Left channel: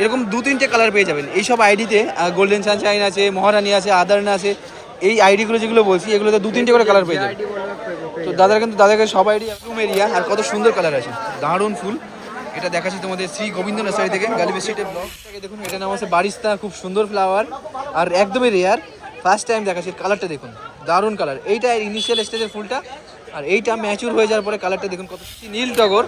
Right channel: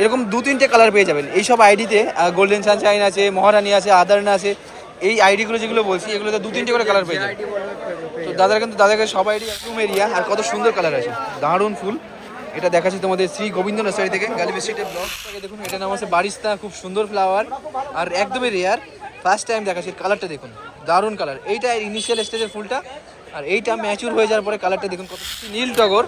এরকম 2-3টে কালার পেয়ে যাবেন এইসব আইডিতে। গোল্ডেন সানশাইন আছে, মহারানী আছে, আদারনা আছে, এই আইডিগুলো যেগুলো বলছি এগুলোতে 2-3টে করে কালার পেয়ে যাবেন। তো দাদাকে সব আইডি রুম এরিয়া, আর কত সুন্দর কালার আছে, দারুণ ফুল। এটা দেখাচ্ছি তোমাদের শ্রী গোবিন্দ নার্সারি থেকে, গালিবি স্ট্রিটের ব্লক থেকে। দেখুন এটা নাম হচ্ছে বারিস্তা, খুব সুন্দর ফ্লাওয়ার আর একদমই রেয়ার, ফার্স্ট টাইম দেখাচ্ছি। কালারটা দেখুন, দারুণ কালার। এইটা ইনিশিয়াল স্টেজের ফুলটা, আর এইটা ম্যাচিউর হয়ে যাওয়ার পরে কালারটা দেখুন কত। নীল টগর,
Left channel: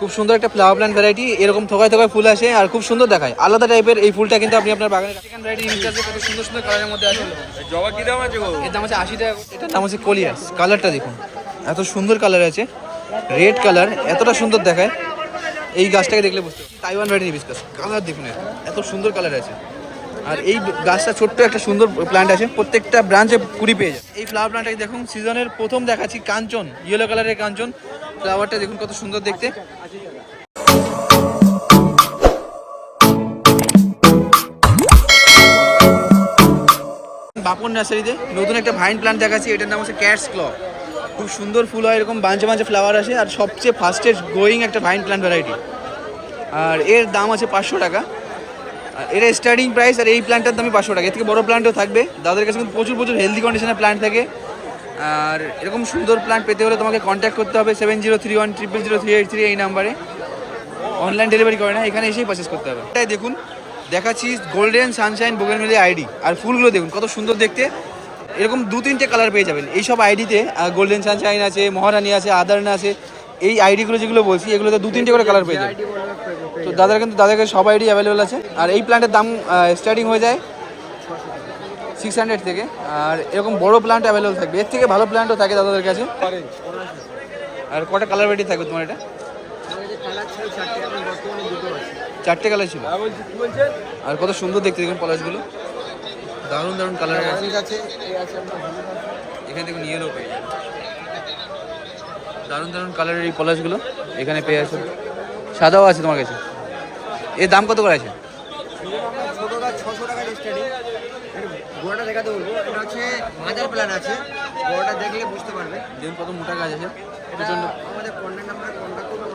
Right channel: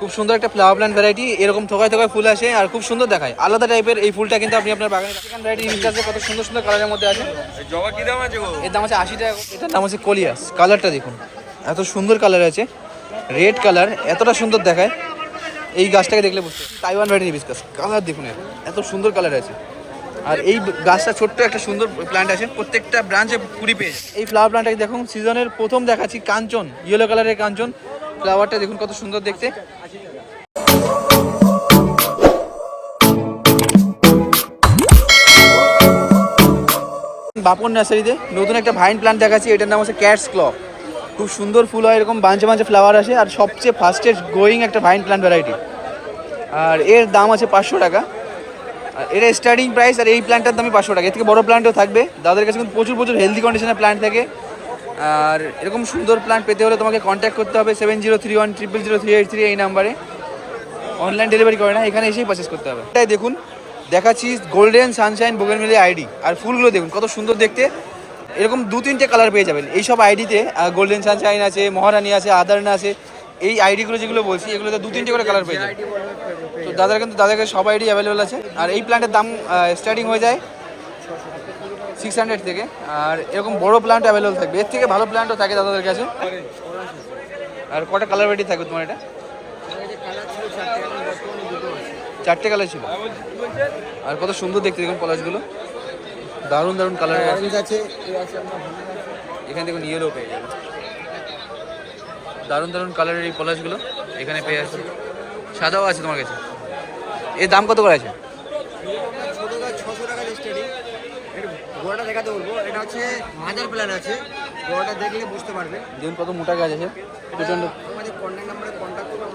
খুব সুন্দর একটা ফ্লাওয়ার প্ল্যান্ট ভ্যারাইটি, এরকম থোকায় থোকায় ফুল আসে আর খুব সুন্দর দেখায়, আলাদা টাইপের এই ফুলটা কিন্তু আপনি আপনার বাগানে। সেকেন্ড ভ্যারাইটি আছে, কত সুন্দর সুন্দর কালারের মধ্যে আছে। জবা কি দাম আছে? এর দাম আছে 80 টাকা। এটার নাম হচ্ছে কলিয়াস, কালারটা দেখুন এত সুন্দর কালার আছে, রেড কালার, এতটা সুন্দর দেখায়। এই গাছটাকে দেখলে বুঝতে পারছি। তাইওয়ান ভ্যারাইটি হিবিস্কাস, কালার দেখুন এত সুন্দর কালার আছে। আর এই গাছটা ছোট্ট একটা সুন্দর প্ল্যান্ট আছে, প্রত্যেকটা ব্রাঞ্চে কুড়ি পেয়ে যায়। এই ফ্লাওয়ার প্ল্যান্টটাকে দেখুন, সিজনের প্রথম দেখাচ্ছি কাঞ্চন, ইয়েলো কালারের কাঞ্চন। ফ্লাওয়ারটা দেখুন কত সুন্দর দেখতে। বাপন নার্সারিতে নতুন একটা ভাইন প্ল্যান্ট দেখাচ্ছি, এটার নাম হচ্ছে ক্যাটস ক্ল। খুব সুন্দর ফুল হয়, এরকম বাঞ্চে বাঞ্চে ফ্লাওয়ার আসে, আর সবচেয়ে ফাস্টেস্ট গ্রোয়িং একটা ভাইন প্ল্যান্ট ভ্যারাইটি। আর এর দাম আছে 500 টাকা, আর এটা স্টার্টিং প্রাইস। আর এই প্ল্যান্টটার দামই 500 টাকা। এর থেকে বড়ো প্ল্যান্টও থাকবে, দাদার কাছে কিন্তু প্রচুর প্রচুর হেলদি কন্ডিশনের প্ল্যান্ট থাকে। আর এরকম সুন্দর প্ল্যান্ট পেতে হলে তোমাকে কন্ট্যাক্ট করতে হবে 7031000383 এই নাম্বারে। অনলাইন ডেলিভারি করে না, এখানে এসেই পারচেস করতে হবে। এটাই দেখুন দেখাচ্ছি গোল্ডেন সানশাইন বোগেনভেলিয়া আইডি, আর ফুলগুলো দেখুন কত সুন্দর দেখতে। এরকম 2-3টে কালার পেয়ে যাবেন এইসব আইডিতে। গোল্ডেন সানশাইন আছে, মহারানী আছে, আদারনা আছে, এই আইডিগুলো যেগুলো বলছি এগুলোতে 2-3টে করে কালার পেয়ে যাবেন। তো দাদাকে সব আইডি অ্যাভেলেবেল আছে। আর এই প্ল্যান্টের দাম স্টার্টিং হয়ে যায় 600 থেকে, আর এরকম বড় প্ল্যান্ট অ্যাভেলেবেল থাকবে, এর থেকে ভালো প্ল্যান্টও থাকে দাদাদের কাছে। আর কটা কালার ভ্যারাইটি থাকবে তোমার? এটা 4টে কালার ছিল। আর কত সুন্দর দেখতে দেখুন পলাশগুলো, দারুণ দারুণ কালার আছে। এখানে দেখুন ইয়েলো পেয়ে যাবে, দারুণ দারুণ কালারের এই পলাশগুলো এখানে পেয়ে যাচ্ছে। সাদাও আছে তোমার কাছে। এর দাম কত করে আছে? ছোট গাছ 600 টাকা স্টার্টিং। গোড়াটা দেখাতে বলবো, এটা হচ্ছে মাদার প্ল্যান আছে, গোড়াটা দেখলে বুঝতে পারবে। দেখুন কত মোটা গাছ আছে। আমাদের কন্ট্যাক্ট নাম্বারে কন্ট্যাক্ট করবে।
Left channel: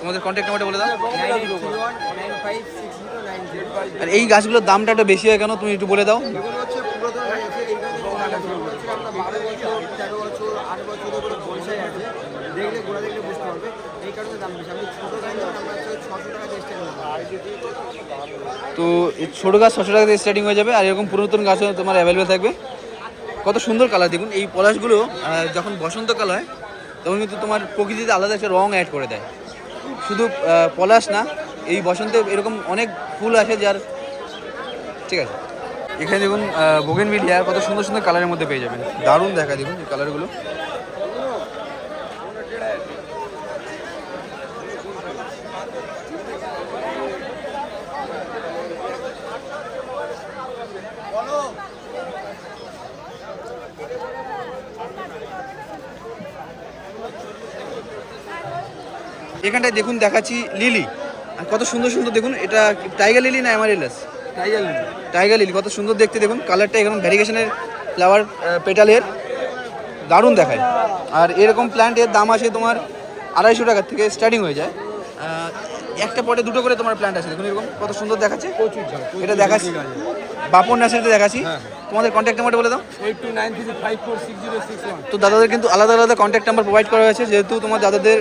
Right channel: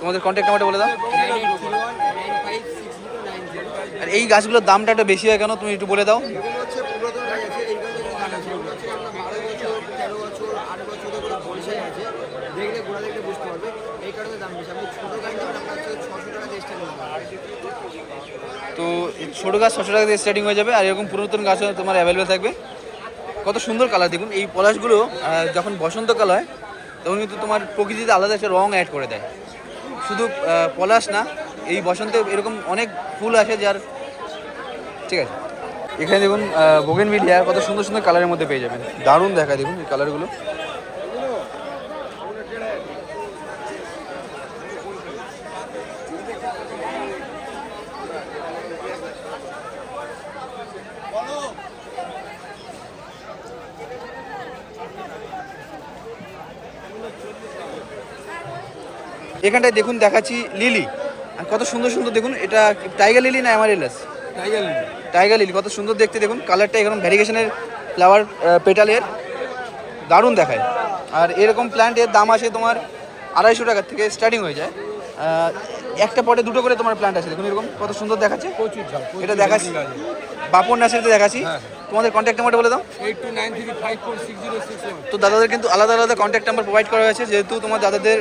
তোমাদের কন্ট্যাক্ট নাম্বারটা বলে দাও। 9831956090। আর এই গাছগুলোর দামটা একটু বেশি হয় কেন, তুমি একটু বলে দাও। এগুলো হচ্ছে পুরাতন গাছ আছে, এই গাছের দাম আছে। এগুলো হচ্ছে আমরা 12 বছর, 13 বছর, 8 বছরের করে বনসাই আছে, দেখলে গোড়া দেখলে বুঝতে পারবে, এই কারণে দাম বেশি। আপনি ছোটো গাছ নেবেন, আমরা হচ্ছে 600 টাকা স্টার্টিং। তো ছোটো গাছ 600 টাকা দিয়ে স্টার্টিং হয়ে যাবে, আর এরকম পুরাতন গাছও তোমার অ্যাভেলেবেল থাকবে। কত সুন্দর কালার দেখুন। এই পলাশগুলো যখন বসন্তকাল হয় তখন কিন্তু তোমার প্রকৃতিতে আলাদা একটা রং অ্যাড করে দেয়। শুধু পলাশ না, এই বসন্তে এরকম অনেক ফুল আসে যার। ঠিক আছে, এখানে দেখুন বোগেনভিলিয়া কত সুন্দর সুন্দর কালারের মধ্যে পেয়ে যাবেন, দারুণ দেখা দেখুন এই কালারগুলো। এখানটায় দেখুন দেখাচ্ছি লিলি, আর কত সুন্দর সুন্দর দেখুন। এটা টাইগার লিলি না amaryllis? Tiger lily. Tiger lily কত সুন্দর দেখতে দেখুন, কালারটা এরকম ভ্যারিগেশনের ফ্লাওয়ার পেটালের, দারুণ দেখায়। আর এরকম প্ল্যান্টের দাম আছে তোমার 250 টাকার থেকে স্টার্টিং হয়ে যায়। একটা পটে 2টো করে তোমার প্ল্যান্ট আছে দেখুন, এরকম কত সুন্দর দেখাচ্ছে। এটা দেখাচ্ছি বাপন নার্সারিতে দেখাচ্ছি। তোমাদের কন্ট্যাক্ট নাম্বারটা বলে দাও। 8293546061। তো দাদাদের কিন্তু আলাদা আলাদা কন্ট্যাক্ট নাম্বার প্রোভাইড করা হয়েছে, যেহেতু তোমার দাদাদের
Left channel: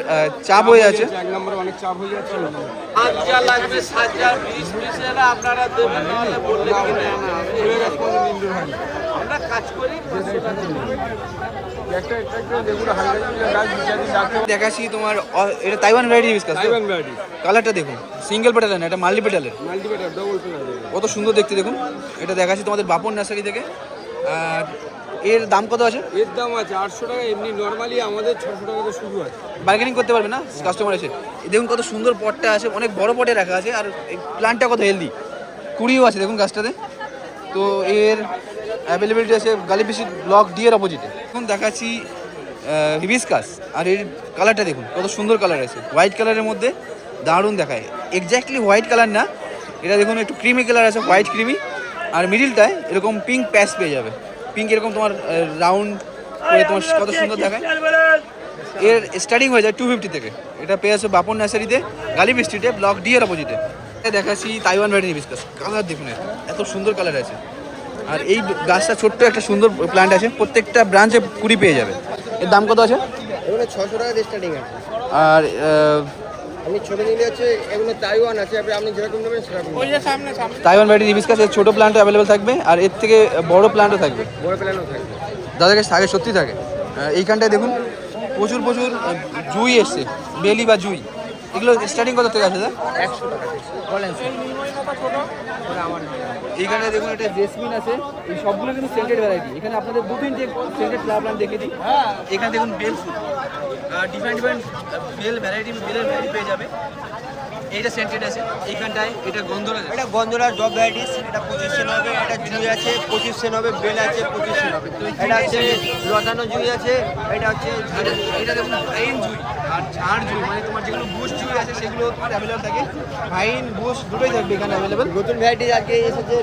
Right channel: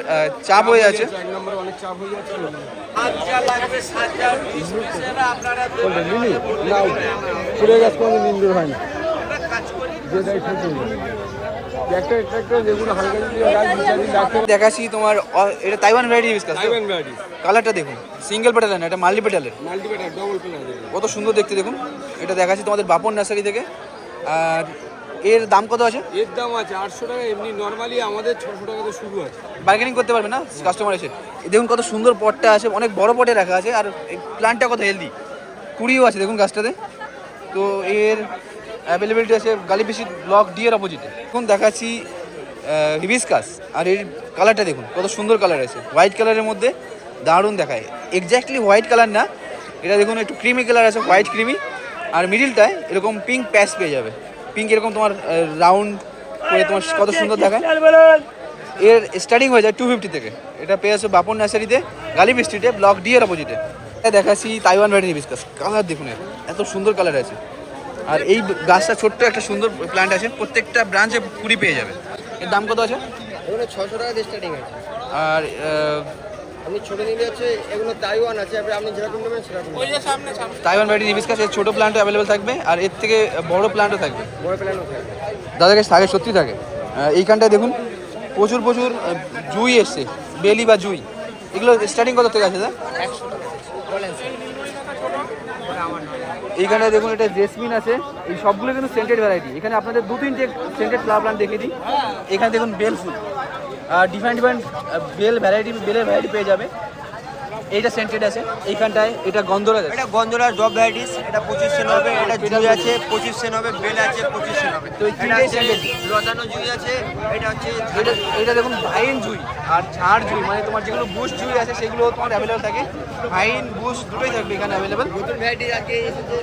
চাপ হয়ে আছে। এক নম্বরে অনেক চাপ হয়ে যাচ্ছে। দেখাচ্ছি তোমার এটা তাইওয়ান ভ্যারাইটি হিবিস্কাস। কালারটা দেখুন, সিঙ্গেল পেটাল না, এটা মাল্টি পেটালের। কত সুন্দর দেখতে দেখুন। এটা দেখাচ্ছি তোমাদের বাপন নার্সারি থেকে। আর এর দাম কত আছে? এর দাম আছে 800 টাকা, এমনি নর্মালি আমাদের 600 টাকাতে শুরু আছে। বার্গেনিং করতে পারবে না কাস্টমার এসে। দেখুন কত সুন্দর পটটা আছে, অনেক বড় পটে রাখা আছে, আর এই প্ল্যান্টটা কত হেলদি, কুড়িও আছে দেখুন গাছটাতে। তো এর অ্যাভেলেবিলিটি আছে গালিবিসি ব্লক ডি এর অপোজিটে। এখন দেখাচ্ছি হিবিস্কাস, আর এর কালারটা দেখুন কত সুন্দর কালার আছে, হোয়াইট কালারের মধ্যে, দারুণ দেখায়। এক্স্যাক্টলি হোয়াইট কালার না, এটা দেখুন একটু ক্রিমি কালার আছে, হোয়াইট ক্রিমি, আর মিডিলটায় এরকম পিঙ্ক প্যাচ পেয়ে যাবে। পিঙ্ক এরকম তোমার রাউন্ড করে তোমার কত সুন্দর দেখায়। এর স্টার্টিং হয়ে যায় 250 থেকে। এটা পেয়ে আছে বাপন নার্সারিতে, গালিবি স্ট্রিটে, ব্লক ডি এর অপোজিটে। দেখাচ্ছি তাইওয়ান ভ্যারাইটি হিবিস্কাস। কালার দেখুন, এত সুন্দর কালার আছে। আর এই গাছটা ছোট্ট একটা সুন্দর প্ল্যান্ট আছে, প্রত্যেকটা ব্রাঞ্চে কুড়ি পেয়ে যাবে। এর দাম কত আছে? এগুলো 600 টাকা দিয়ে স্টার্টিং আছে। আর আমি ছোট নিলে আছে, এগুলো তাইওয়ান আছে, আপনি যেরকম নেবেন সেরকম। তাইওয়ান ভ্যারাইটি হিবিস্কাস এর ছোটো প্ল্যান্টও অ্যাভেলেবেল থাকবে, আর এর থেকে বড় প্ল্যান্টও থাকবে। বড় প্ল্যানও থাকবে। দাদার কাছে থাকে, সত্যি থাকে। এইখানটায় দেখুন প্রচুর জুই এসছে, বেলি বা জুই। এগুলো স্টার্টিং কত থেকে আছে দাদা? 100 টাকা বলেন স্যার। আমার নাম এইখানে দেখুন এটা জেসমিন আছে। এই সবগুলো কিন্তু সেন্টেড ভ্যারাইটি। এখানে আপনাদের 2-3টে সেন্টেড ফ্লাওয়ার প্ল্যান্ট দেখিয়ে দিই। এখানে দেখুন বেল ফুল, ডিফারেন্ট বেলের ভ্যারাইটি পেয়ে যাবে। এইটা সেন্টেড আছে। এইখানটায় এটা গন্ধরাজ আছে। এটা গন্ধরাজ ডব ভ্যারাইটিস, এটা 25 সেন হবে। এটা জুই আছে 25 সেন হবে, বেল আছে 25 সেন হবে। তো এই এটা তিনটে আছে scented। লটানো জুই আছে, এটা হচ্ছে এটা দেখুন ভাইন জুই আর ঝাড় জুই, মানে তোমার যেগুলো বুশ জুই আছে সেগুলো তোমার অ্যাভেলেবল থাকে। ভাইন বুশ দুটোই থাকবে এখানে অ্যাভেলেবল। নতুন ভ্যারাইটি আজকে এসেছে,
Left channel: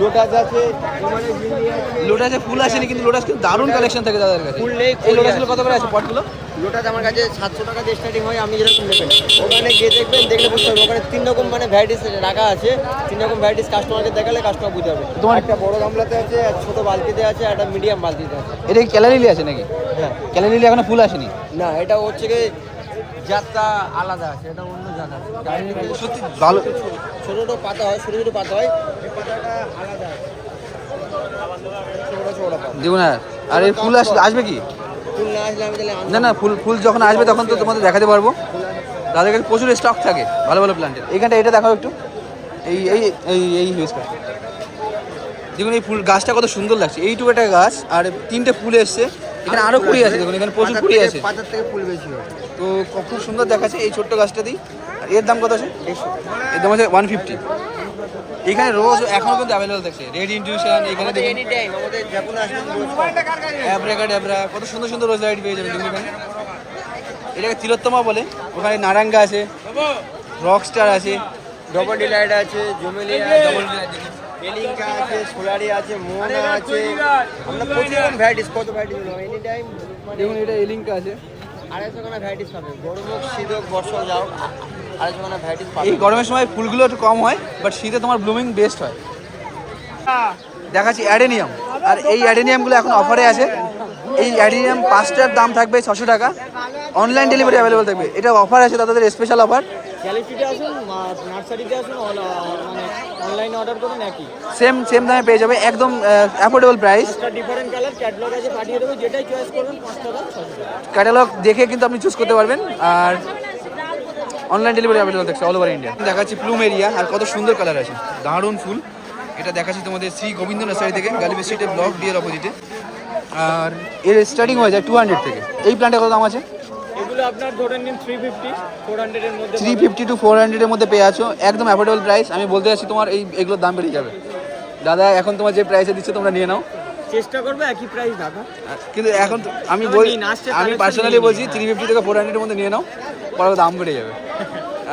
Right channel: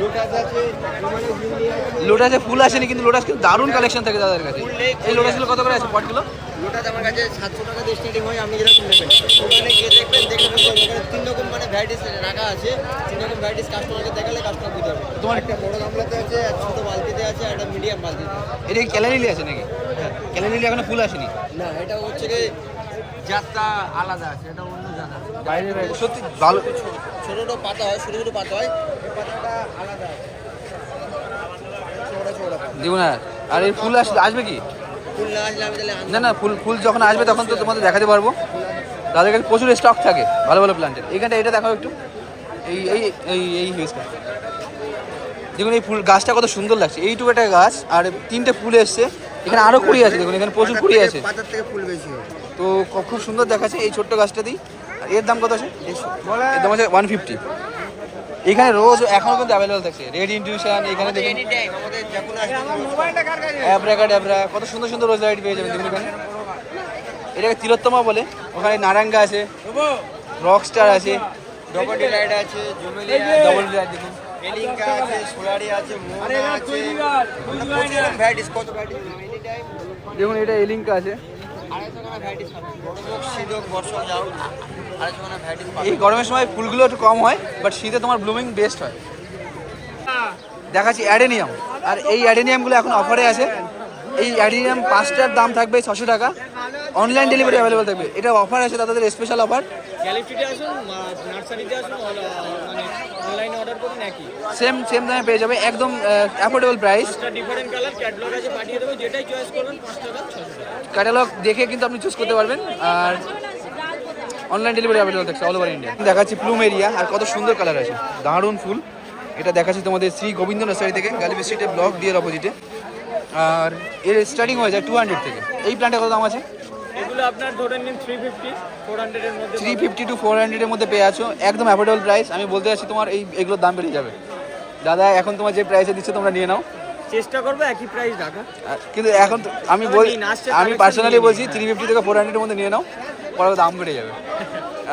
লোটাস আছে, তোমাদের জুই আছে। লোটাসে ফুল আসেনি, কিন্তু লোটাস কিন্তু দারুণ কালেকশন থাকে দাদার কাছে। ফুল নেই, এই লোটাসগুলো কত করে আছে পটগুলো? লোটাস আমার কাছে 700 টাকা দিয়ে স্টার্টিং হয়। আপনি যেরকম নেবেন ওখানে গিয়ে দেখবেন, দেখলে বুঝতে হবে। ওখানে 3 রকম মানে ভ্যারাইটিস রাখা আছে। 3 রকম ভ্যারাইটিস কাস্টমারকে দেখালে কাস্টমার বুঝে যাবে। তোমার একটা বড় গামলাতে আছে, আর ছোট বালতিতে আছে, আর একটা মিডিয়াম বালতিতে আছে। এটা কি ক্যালারিলি আছে নাকি? হ্যাঁ। ক্যালারিলি এখনো ফুল আসেনি। না, এটা হচ্ছে কি জাতটা আলাদা আছে, এটা অন্য জাত আছে। সত্যি ভালো। ছোট ছোট পাতা হয়, ছোট ছোট পাতা হয়, এই পাতাটা আলাদা আছে। ছোট পাতা দেখুন। আর এর ফুল আসবে কি? ফুল না আসলে আমি তাহলে আনবো না ফুল যখন আসবে তখন তো তোমাদের দেখাতে পারবো। তাদের কাছে প্রচুর স্টক থাকে ভালো প্ল্যান্টের। এইখানটা এটা দেখাও একটু। এই এই এই এই হিউজটা দেখুন, এই ফুল গাছটা কত সুন্দর লাগছে। এইটুকু একটা গাছ, আর 3টে ফুল এসছে। এখানে আরও কুড়ি আছে, দেখুন এখানে প্রচুর কুড়ি আছে। পাতার থেকে ফুল বেশি হবে। তো খুব সুন্দর দেখাচ্ছে এই ছোট্ট গাছটা দিই। আর এর দাম কত আছে? এর দাম আছে 150। এখানে রোজ এখনও কিন্তু অ্যাভেলেবল থাকছে। রেড ইনটিউশন, এখানে দেখুন এনি টাইম আমাদের যখন আসবে অ্যাব্রাকাডাব্রা, কত সুন্দর সুন্দর রোজ লাইট পেয়ে যাবেন দেখুন এখানে। এটাকে তিলোত্তমা বলে। ওখানে নারাঙ্গা আছে, রকস্টার আছে, ডবল ডিলাইট আছে, জুমেলিয়া ডবল ডিলাইট দেখুন, এলিঙ্কা আছে, সোলারি আছে, মোনা আছে। আমরা প্রচুর ভ্যারাইটিস, কত ভ্যারাইটিস এনি টাইম। দেখুন এটা এলিঙ্কা আছে। আড়াইশো টাকা ভ্যারাইটিস পাবেন। গরম শীত বর্ষা যাও, আড়াইশো টাকা ভ্যারাইটিস পাবেন। এই গরমের সময় ফুলগুলো একটু কম হয়, বাট শীতে তোমার ব্লুমিং বেস্ট হয়। দেখাচ্ছি অ্যাডেনিয়াম। আর এই অ্যাডেনিয়ামগুলো এখন অফারে আছে। এই অ্যাডেনিয়াম 5টার দাম থাকবে 600 টাকা। অনলাইন ডেলিভারি অ্যাভেলেবল থাকবে। এটা অফার আছে তাদের স্পেশাল অফার। গ্যালারিতে আসুন, নার্সারিতে আসুন, মানে অনলাইনে অর্ডার করুন, একই সেম দামে পেয়ে যাবে, একদম affordable price. Different colour catalogue আছে, পাঠিয়ে দেবো। যেটাই চয়েস করবেন 5 টাকা 600 টাকা। ক্যাটালগ দেখে কিন্তু আপনি চুজ করতে পারবেন। আর অনলাইন ডেলিভারি অ্যাভেলেবল থাকছে অল ওভার ইন্ডিয়া। দেখাচ্ছি প্লুমেরিয়া, আর কত সুন্দর কালার আছে, দারুণ ফুল। এটা দেখাচ্ছি তোমাদের শ্রী গোবিন্দ নার্সারি থেকে, গালিবি স্ট্রিটে ব্লক ডিএর অপোজিটে। আর এর স্টার্টিং হয়ে যায় 200 থেকে। এই প্ল্যান্টে কত দাম আছে? এগুলো আপনার ধরে নিন 350 400 এর মধ্যে। 350 to 400 এর মধ্যে পেয়ে আছো, একদম অ্যাফোর্ডেবল প্রাইস। আমি বলতে চাচ্ছি তোমার এগুলোর দাম বেড়ে যাবে। দাদা এখন তোমার যে প্রাইসে দিচ্ছ তোমরা নিয়ে নাও। চেষ্টা করবে একই প্রাইস রাখা, কিন্তু এখন আমি পার্সোনালি বলছি 350 থেকে 400 এর মধ্যে নিয়ে নাও, পরে দাম বেড়ে যাবে।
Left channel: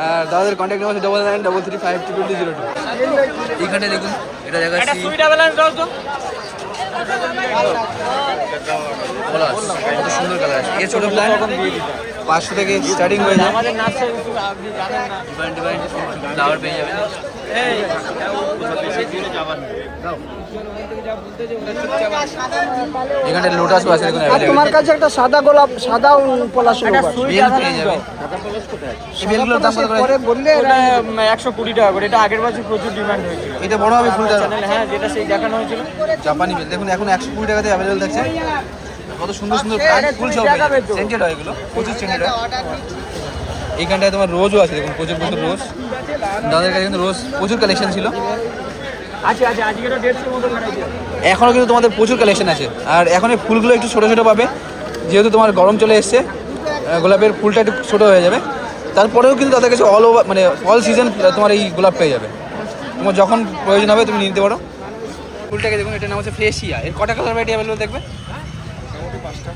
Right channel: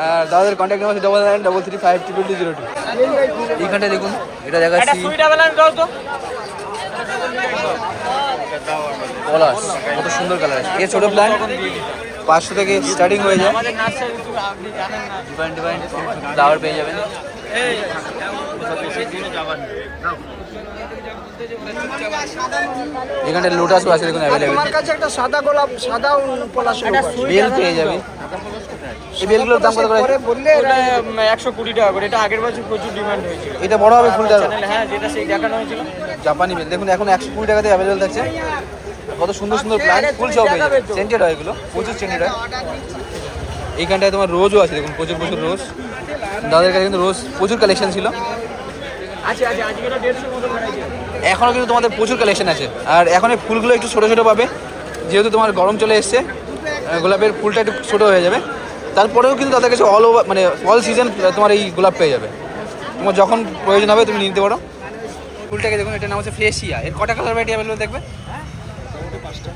আর দাদাদের কন্ট্যাক্ট নাম্বার 99335202। এইখানটা দেখুন, এটা দেখাচ্ছি পলাশ, কত সুন্দর কালার আছে। এর ছোটো প্ল্যান্ট 500 থেকে স্টার্টিং হয়ে যায়। ডিফারেন্ট ফ্লাওয়ার পেয়ে যাবেন। এখানে লোটাসও আছে দেখুন অ্যাভেলেবেল। তোমার কাছে একটা সাদা গোলাপ, সাদা পলাশ বেল পেয়ে যাবে। এই বেলগুলোর দাম কত করে? বললে 120 টাকা করে। এটা আগের বছর প্রচুর ডিমান্ড হয়েছিল। এটা বড় হবে ফুলটা? হ্যাঁ, যেটা সেই দেখানো হয়েছিল জাপানি বেল দেখুন এখন 120 টাকাতে অ্যাভেলেবেল থাকছে। কত সুন্দর সুন্দর প্ল্যান্ট, ফুল সব পেয়ে যাবে। সেন্টেড হয় এগুলো, প্রচুর সেন্টেড হয়। এইখানটায় তোমার রোজও আছে দেখুন, প্রচুর রোজ। দাদার কাছে কিন্তু রোজ প্রচুর কালেকশন ছিল। এখনও কিন্তু তোমাদের প্রচুর কালেকশন আছে। আর এখন এই ফুলগুলো একটু ছোটো ছোটো পাবে, যেহেতু তোমার গরম চলে এসছে। গোলাপের ফুলটা একটু ছোটো হয়ে যাবে। তারপরেও কিন্তু তাদের কাছে অল ওভার মানে অল সিজন তোমার এই গোলাপ পেয়ে যাবে। তোমার যখন প্রয়োজন হবে তুমি নিতে পারো। ফুলটাকে দেখুন, এটার নাম হচ্ছে ফ্রেশিয়া। এর কটা কালার ভ্যারাইটি অ্যাভেলেবল দেখবে? মোটামুটি 5টা।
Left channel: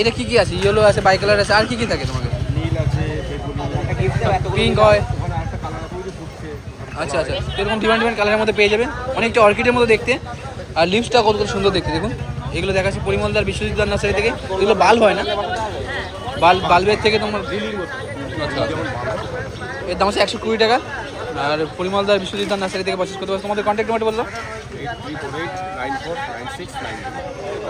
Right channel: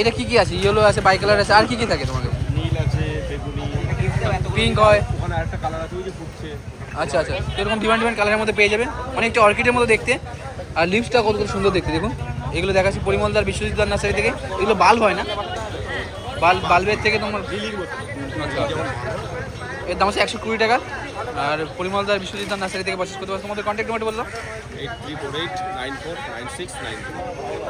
এটা কি আছে? ইয়েলো আছে, বাই কালার আছে, আর কি থাকে তোমার কাছে? নীল আছে, বেগুনি, পিঙ্ক হয়। ওখানে আরেকটা কালার আছে, ওই যে ফুটছে। আচ্ছা এরকম ডিফারেন্ট কালারের মধ্যে পেয়ে যাবে। অনেকটা অর্কিডের মতো দেখতে। আর লিভসটা কত সুন্দর দেখতে দেখুন। এগুলো দেখাচ্ছি পরিমলদার বিশ্বজিৎদার নার্সারি থেকে। এগুলো বাল্ব হয় না, বাল্বের থেকে তোমার লিলির মতো। এর দাম আছে 120 টাকা। আর পরিমলদার বিশ্বজিৎদার নার্সারি থেকে পারচেস করতে পারো। তোমাদের কন্ট্যাক্ট নাম্বার বলো। 8348949692।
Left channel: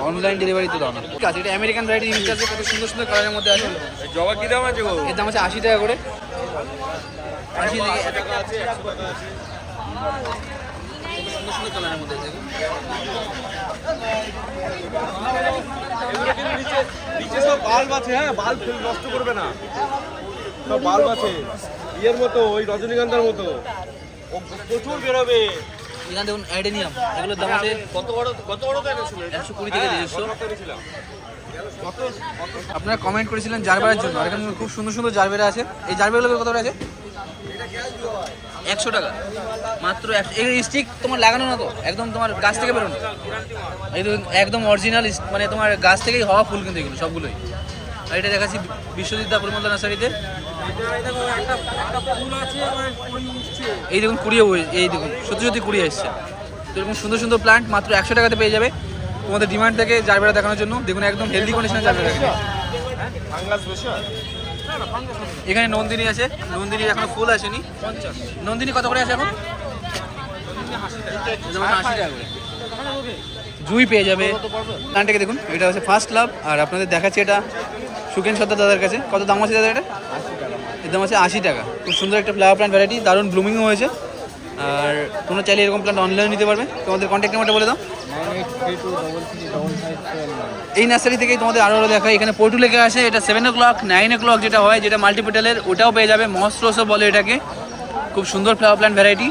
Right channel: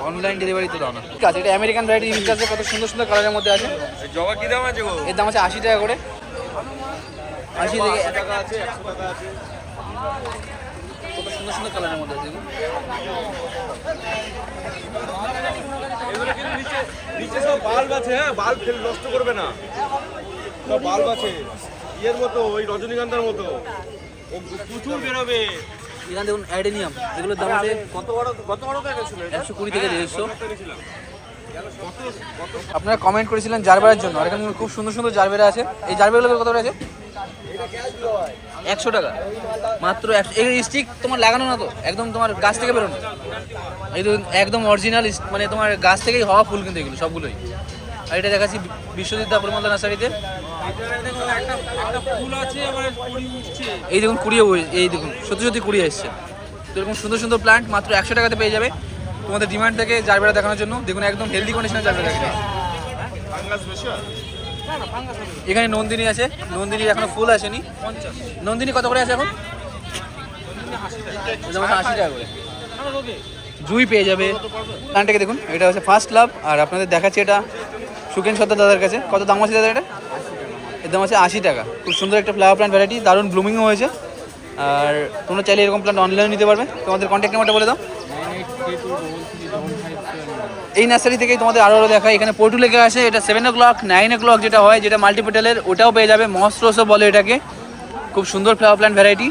অনলাইন ডেলিভারি তো দাও না। ঠিক আছে, এটা আমেরিকান ভ্যারাইটি ইউজ আছে, কত সুন্দর সুন্দর কালারের মধ্যে আছে। জবা কি দাম আছে গো? এর দাম আছে 80 টাকা করে। 80 থেকে 80 টাকা আছে, 100 টাকা আছে। কত সুন্দর সুন্দর কালারের মধ্যে আছে। এগুলো কিন্তু নিচে নিচে সব বাল্ব আছে, হ্যাঁ বাল্ব ফেল নষ্ট করবে না, সব বাল্ব আছে ইয়ের মতো, ওই রজনীগন্ধার মতো, ও প্রচুর বেরোবে। এখানে দেখুন অ্যাডেনিয়াম, এগুলোর দাম আছে কত বড় তো এনেছিল 120 থেকে 150। করেছিলাম কত আপনারা কমেন্ট করেছিলেন জারবেরার জন্য, আর এখানে খুব সুন্দর সুন্দর জারবেরা আছে। এই জারবেরাগুলো কত করে আছে? 100 টাকা মাত্র। এই স্টিক তোমার লাগানো না তো, একদম তোমার গাছ থেকে বেরোনো, এই তো একদম অরিজিনাল, মানে তোমার গাছ থেকেই হওয়া ফুল কিন্তু এগুলো সবগুলোই। আর এটা দেখাচ্ছি বিশ্বজিৎদা পরিমলদা নার্সারিতে। একটা ফুল আছে আবার কুড়ি উঠছে। এই দেখুন কুড়িয়ে, এই দেখুন সত্যি সত্যি কুড়িয়ে এসছে। তো এরকম সুন্দর সুন্দর প্লান্ট মাত্র 100 টাকাতে পেয়ে যাবে। তোমাদের ডিমান্ড থেকে জারবেরা দেখানোর জন্য দেখুন একদম হেলদি কন্ডিশনে জারবেরা রেখেছে। ফাঙ্গাস বেশি এখানে নন্দিনী আছে, নন্দিনীর এখনো ফুল আসেনি। 50 নন্দিনী কত করে আছে এখন? 80 টাকা করে। জুই পেয়ে যাবে। প্লান্টটাকে দেখুন, এটা হচ্ছে ফার্স্ট লাভ। আর আপনাদের দেখাচ্ছি এটা সুকেন সত্তার দাদার কাছে। কত দাম আছে দাদা এটা? 80 টাকা। এর দাম আছে 80 টাকা। খুব সুন্দর একটা ফ্লাওয়ার প্লান্ট ভ্যারাইটি, দারুণ ব্লুমিংও হয়েছে। আর তোমরা চাইলে এরকম প্লান্ট অনলাইনে নিতে পারবে। তোমাদের কন্ট্যাক্ট নাম্বারটা বলে দাও। 98323355। এই নার্সারি থেকেই তোমাদের আরও দেখায়। এখানে পোর্টু লেখা আছে, এটা 7 o'clock 9 o'clock যেটা হয়, যেটা মাল্টিপেটালের, ওটাও পেয়ে যাবে। মহস্রোসও বলে এটাকে। খুব সুন্দর ফ্লাওয়ার প্ল্যান্ট ভ্যারাইটি।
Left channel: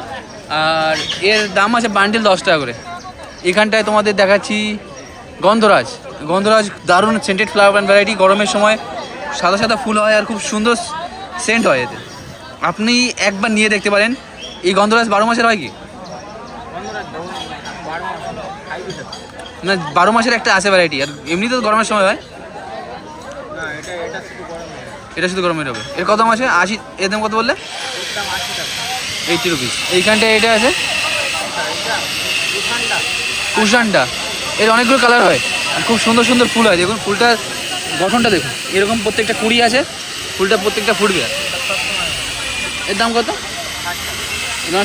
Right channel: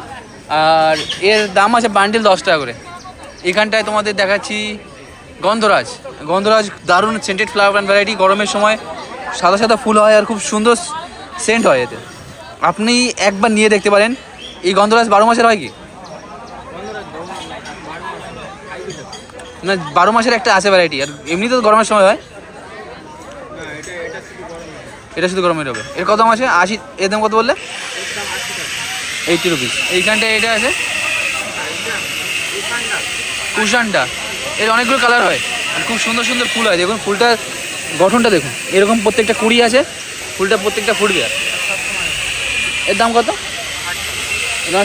আর এর দাম আছে বান্ডিল 10 টাকা করে। এখানটায় তোমাদের দেখাচ্ছি গন্ধরাজ। গন্ধরাজ দারুণ সেন্টেড ফ্লাওয়ার প্ল্যান্ট ভ্যারাইটি। গরমের সময় সাদা সাদা ফুল হয় আর খুব সুন্দর সেন্ট হয় এতে। আপনি একবার নিয়ে দেখতে পারেন। এই গন্ধরাজ 12 মাসের হয় কি না? 12 মাসের একটা আছে ভ্যারাইটি, আর এমনি তো গরমের সময় হয় না, এটা শুধু গরম না, এটা শুধু গরমের হবে। এর কত দাম আছে? 80। এর দাম কত বললে? এর দাম 80 টাকা। 80 রুপিস। এইখানটায় এটা আছে এটা উসানটা। কুশানটা। এর অনেকগুলো কালার হয় আর খুব সুন্দর সুন্দর ফুল হয়। দেখুন ফুলটার গঠনটা দেখুন, এরকম প্রত্যেকটা কুড়ি আছে, ফুলটা প্রত্যেকটা ফুটবে। আর এর দাম কত?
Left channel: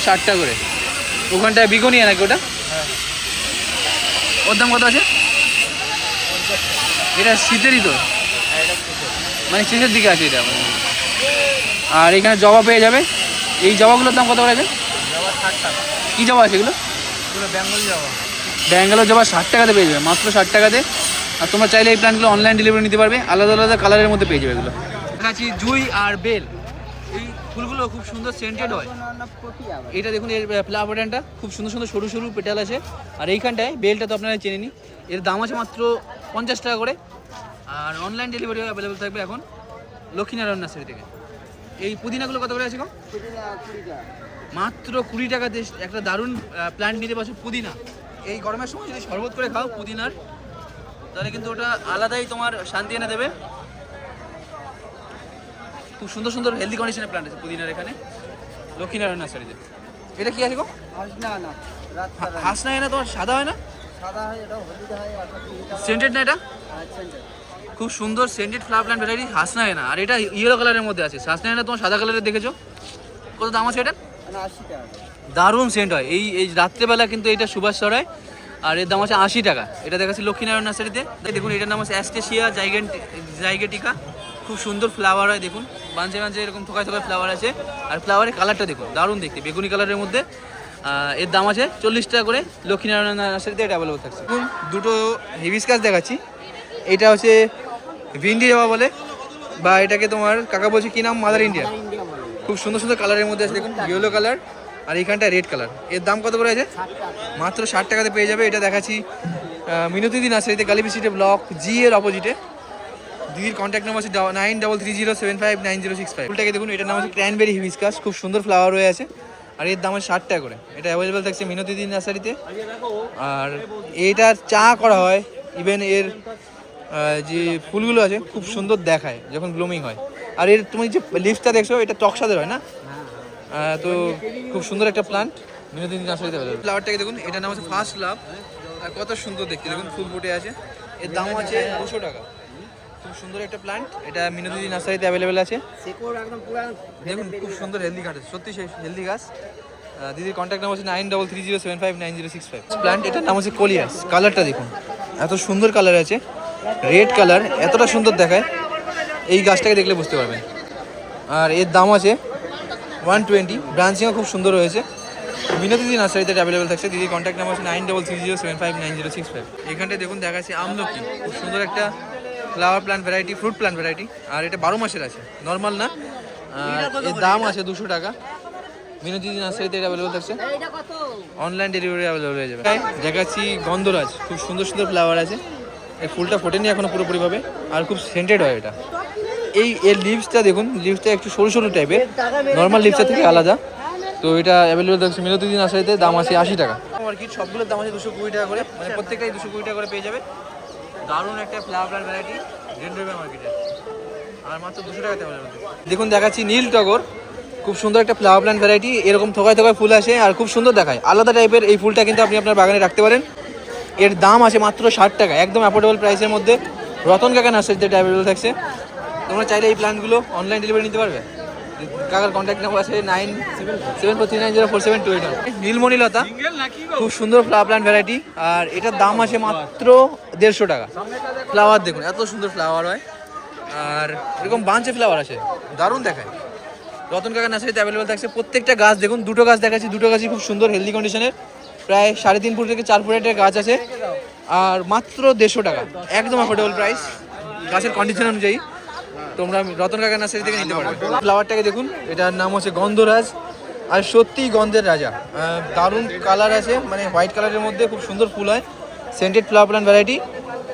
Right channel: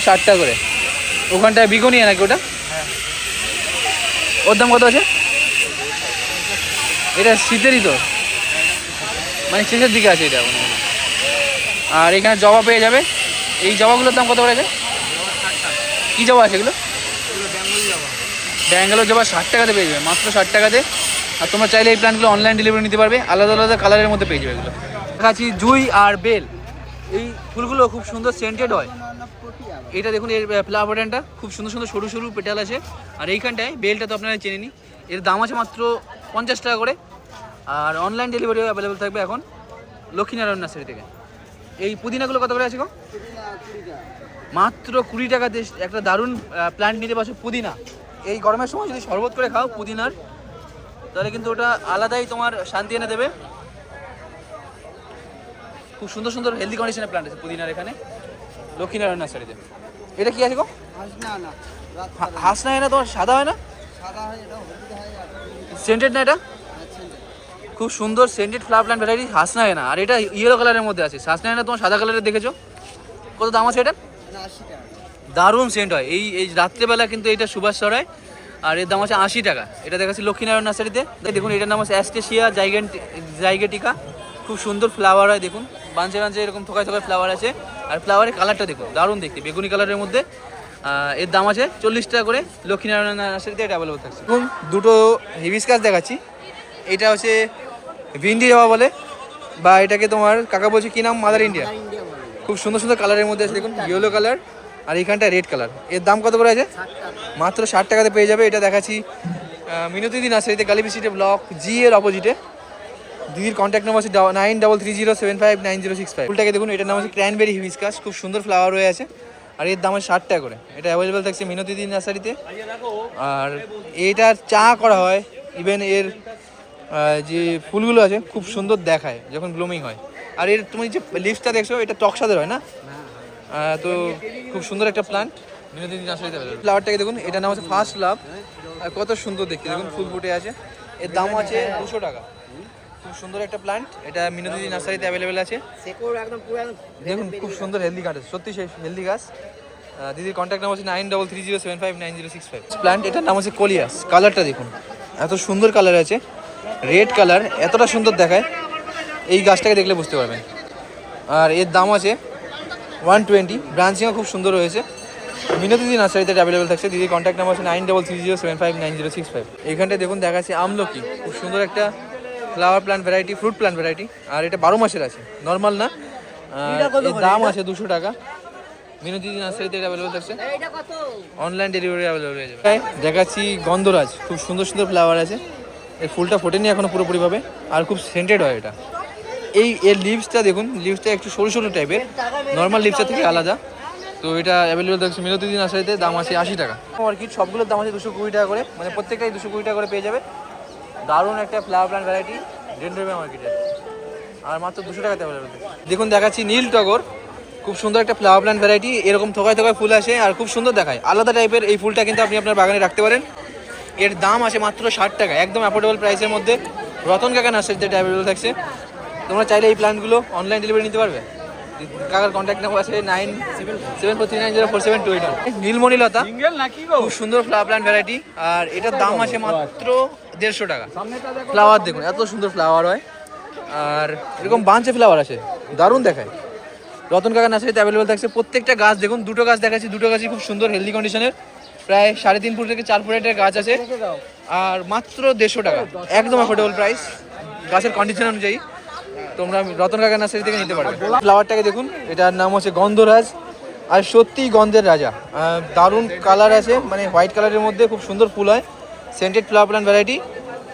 60 টাকা করে। ওখানটায় বিকোনিয়া নাকি ওটা? ওর দাম কত আছে? এটা শীতেরই তো, মানে শেষের দিকে আছে এটা মনে হয়। আর এখানে জবা পেয়ে যাবে। এই জবাগুলোর দাম কত করে আছে? জবা 60 টাকা। কী জবা আছে এগুলো? এগুলো বেঙ্গল জবা। ব্যাঙ্গালোর জবা 60 টাকাতে পেয়ে যাবে, মাত্র 60 টাকাতে। আর তোমরা চাইলে এই প্ল্যান্টগুলো অনলাইন ডেলিভারি নিতে পারবে, আলাদা আলাদা কালারের মধ্যে পেয়ে যাবে এগুলো। দেখাচ্ছি জুই আর বেল। এই ফুলগুলো খুব সুন্দর সেন্টেড হয়। এটা দেখুন এর ফ্লাওয়ার প্যাটার্নটা খুব সুন্দর সুন্দর সরু সরু পেটাল আছে। আর এইখানটায় বেলটা তো আপনারা চেনে নি। এর দাম আছে মাত্র 50 টাকা করে। আর অনলাইন ডেলিভারিও অ্যাভেলেবেল থাকবে এখন লক্ষ্মীনারায়ণ নার্সারি থেকে। এই পুদিনাগুলো কত করে আছে গো? মাত্র 20 টাকাতে একটা দারুণ প্ল্যান্ট নিতে পারছো পুদিনা। এই গরমের সময় যদি শরবত করে খাও পুদিনার, তাহলে কিন্তু ওটা আলাদাই তোমার শান্তি এনে দেবে। খুব সুন্দর সুন্দর হেলদি কন্ডিশনের প্ল্যান্ট আছে পুদিনার এখানে লক্ষ্মীনারায়ণ নার্সারিতে। এটা কি আছে গো? হাসনা হয় না তোমার? সাদা হয় না? সেন্টেড না এটা? খুব সুন্দর scented flower plant variety Hasna হয় না। আর এটা ইয়েলো কালারের মধ্যে আছে। হাসনা হয় না তোমার সাদা কালারের দেখেছো? কত দাম আছে এটা? 80 টাকা। দারুণ সেন্ট হয়। এই রাত্রেবেলা কিন্তু এটা সুবাস ছড়ায়। আর এর দাম আছে 80 টাকা। এটা দেখাচ্ছি লক্ষ্মীনারায়ণ নার্সারিতে। দেখুন এটার নাম আছে অ্যাস্টেশিয়া জাইগেটিকা। খুব সুন্দর ফ্লাওয়ার হয় দেখুন, বাঞ্চে বাঞ্চে এরকম থোকায় থোকায় ফ্লাওয়ার আছে। আর ফ্লাওয়ারের কালারটা দেখুন দারুণ দেখতে, বেগুনি কালারের মধ্যে। এর দাম আছে 40 টাকা করে। লক্ষ্মীনারায়ণ নার্সারিতে এটা অ্যাভেলেবল থাকছে। দেখুন দুটো হিবিস্কাস দেখাচ্ছি। এটা হচ্ছে ভিন্ডি জবা বলে, বা এটাকে তোমার কাকা বলছে কি নাম? Mother India. খুব সুন্দর সুন্দর কালারের মধ্যে আছে দেখুন, ইয়েলো কালার আর এইখানটা রেড কালার। এর দাম কত করে আছে? মাত্র 60 টাকাতে পেয়ে যাবে। এটা দেখাচ্ছি মিনতিদি নার্সারিতে, গালিবি স্ট্রিটে, ব্লক জি এর অপোজিটে। দিদির কন্ট্যাক্ট নাম্বার আছে 9330759065। ফুলটাকে দেখুন, এটার নাম হচ্ছে ক্র্যানবেরি হিবিস্কাস। খুব সুন্দর ফ্লাওয়ার হয়ে আছে। আর এর দাম আছে 60 টাকা করে। এটা অ্যাভেলেবেল থাকছে মিনতিদি নার্সারিতে। আর এটার চা করা হয়। ইভেন এর যে ফুলগুলো আছে খুব সুন্দর দেখায় যখন ব্লুমিং হয়। আর এর তুমি যে লিভসটা দেখছো, এটা টক স্বাদের হয় না? তো খুব সুন্দর একটা প্লান্ট মিনতিদি নার্সারিতে। ফ্লাওয়ারটাকে দেখুন, এটার নাম হচ্ছে ফার্স্ট লাভ। আর কত সুন্দর দেখতে দেখুন, ফুল ফুটে আছে। এর দাম আছে 200 টাকা। খুব সুন্দর একটা প্ল্যান্ট, এটা মিনতি নার্সারিতে অ্যাভেলেবেল আছে। শেকড় একদম পুরো দেখুন খুব সুন্দর হেলদি গাছ আছে, সত্যি সেই হেলদি গাছ। দিদির কন্ট্যাক্ট নাম্বার হচ্ছে 9330759065। প্ল্যান্ট এটার নাম হচ্ছে কোলিয়াস। কালারটা দেখুন এত সুন্দর কালার আছে, রেড কালার, এতটা সুন্দর দেখায়, এই গাছটাকে দেখলে বুঝতে পারবেন। আর এর দাম আছে 120। ব্রাঞ্চিংও খুব সুন্দর হয়েছে। মিনতি নার্সারিতে অ্যাভেলেবেল থাকছে। দিদির কন্ট্যাক্ট নাম্বার হচ্ছে 9330759065। এইখানটায় দেখুন দেখাচ্ছে আমলকি, খুব সুন্দর একটা flower plant variety, fruit plant variety. আর এটা 12 মাসের আছে, নর্মাল না। আর এর দাম আছে 200 টাকা। মিনতি নার্সারিতে অ্যাভেলেবেল থাকছে, অনলাইন ডেলিভারি অ্যাভেলেবেল হয়ে যাবে। দেখাচ্ছি গন্ধরাজ, খুব সুন্দর সুন্দর ফ্লাওয়ার আছে। এই ফুলটা ফোটেনি এখনো পুরোপুরিভাবে, আর খুব সেন্টেড হয় এটা। এর লিভসটা দেখুন, লিভসটা একটু সরু সরু টাইপের, নর্মাল লিভসটা থেকে আলাদা। তো এটা অ্যাভেলেবেল থাকছে মিনতি নার্সারিতে, দাম আছে 80 টাকা। অর্কিড সবগুলোর দাম আছে 220 টাকা করে, মানে প্রত্যেকটাই 220 টাকা করে পেয়ে যাবে। দারুণ একটা ফ্লাওয়ার প্ল্যান্ট ভ্যারাইটি ডেন্ড্রোবিয়াম মার্কেটের, আর মাত্র 200 টাকাতে অ্যাভেলেবেল। দেখুন দেখাচ্ছি নীল টগর, খুব সুন্দর একটা ফ্লাওয়ার প্ল্যান্ট ভ্যারাইটি। এরকম থোকায় থোকায় ফুল আসে আর খুব সুন্দর দেখায়, আলাদা টাইপের। এই ফুলটা কিন্তু আপনি আপনার বাগানে রাখতে পারেন। এর দাম আছে মাত্র 60 টাকা, একদম অ্যাফোর্ডেবল প্রাইসের মধ্যে। রতন কাকা নার্সারিতে অ্যাভেলেবেল থাকছে। তোমরা চাইলে এই প্ল্যান্টগুলো অনলাইন ডেলিভারি নিতে পারবে। কাকার কন্ট্যাক্ট নাম্বার আছে 9743904728। নীলমণিলতা, খুব সুন্দর ফ্লাওয়ার প্ল্যান্ট ভ্যারাইটি, আর এটার দাম আছে মাত্র 150 টাকা। ফ্লাওয়ার দেখুন এত সুন্দর ফ্লাওয়ার হয়, আর এরকম বাঞ্চে ফ্লাওয়ার আছে, দারুণ দেখায়। রতন কাকা নার্সারিতে অ্যাভেলেবেল থাকছে। প্রত্যেকটা গাছ দেখুন, দুটো গাছ দেখাচ্ছি, দুটো গাছই খুব সুন্দর হেলদি কন্ডিশনের, প্রায় 3.5 ফুট থেকে 4 ফুটের গাছ আছে, আর মাত্র 150 টাকা, একদম অ্যাফোর্ডেবল প্রাইস গাছের কন্ডিশন অনুযায়ী। তোমরা রতন কাকা নার্সারি থেকে নিতে পারবে। ফ্লাওয়ারটাকে দেখুন, এটার নাম হচ্ছে গন্ধরাজ, আর সত্যিই গন্ধের রাজা। দারুণ কালার আছে, মানে হোয়াইট কালারের মধ্যে খুব সুন্দর ফুল হয়, scented flower plant variety.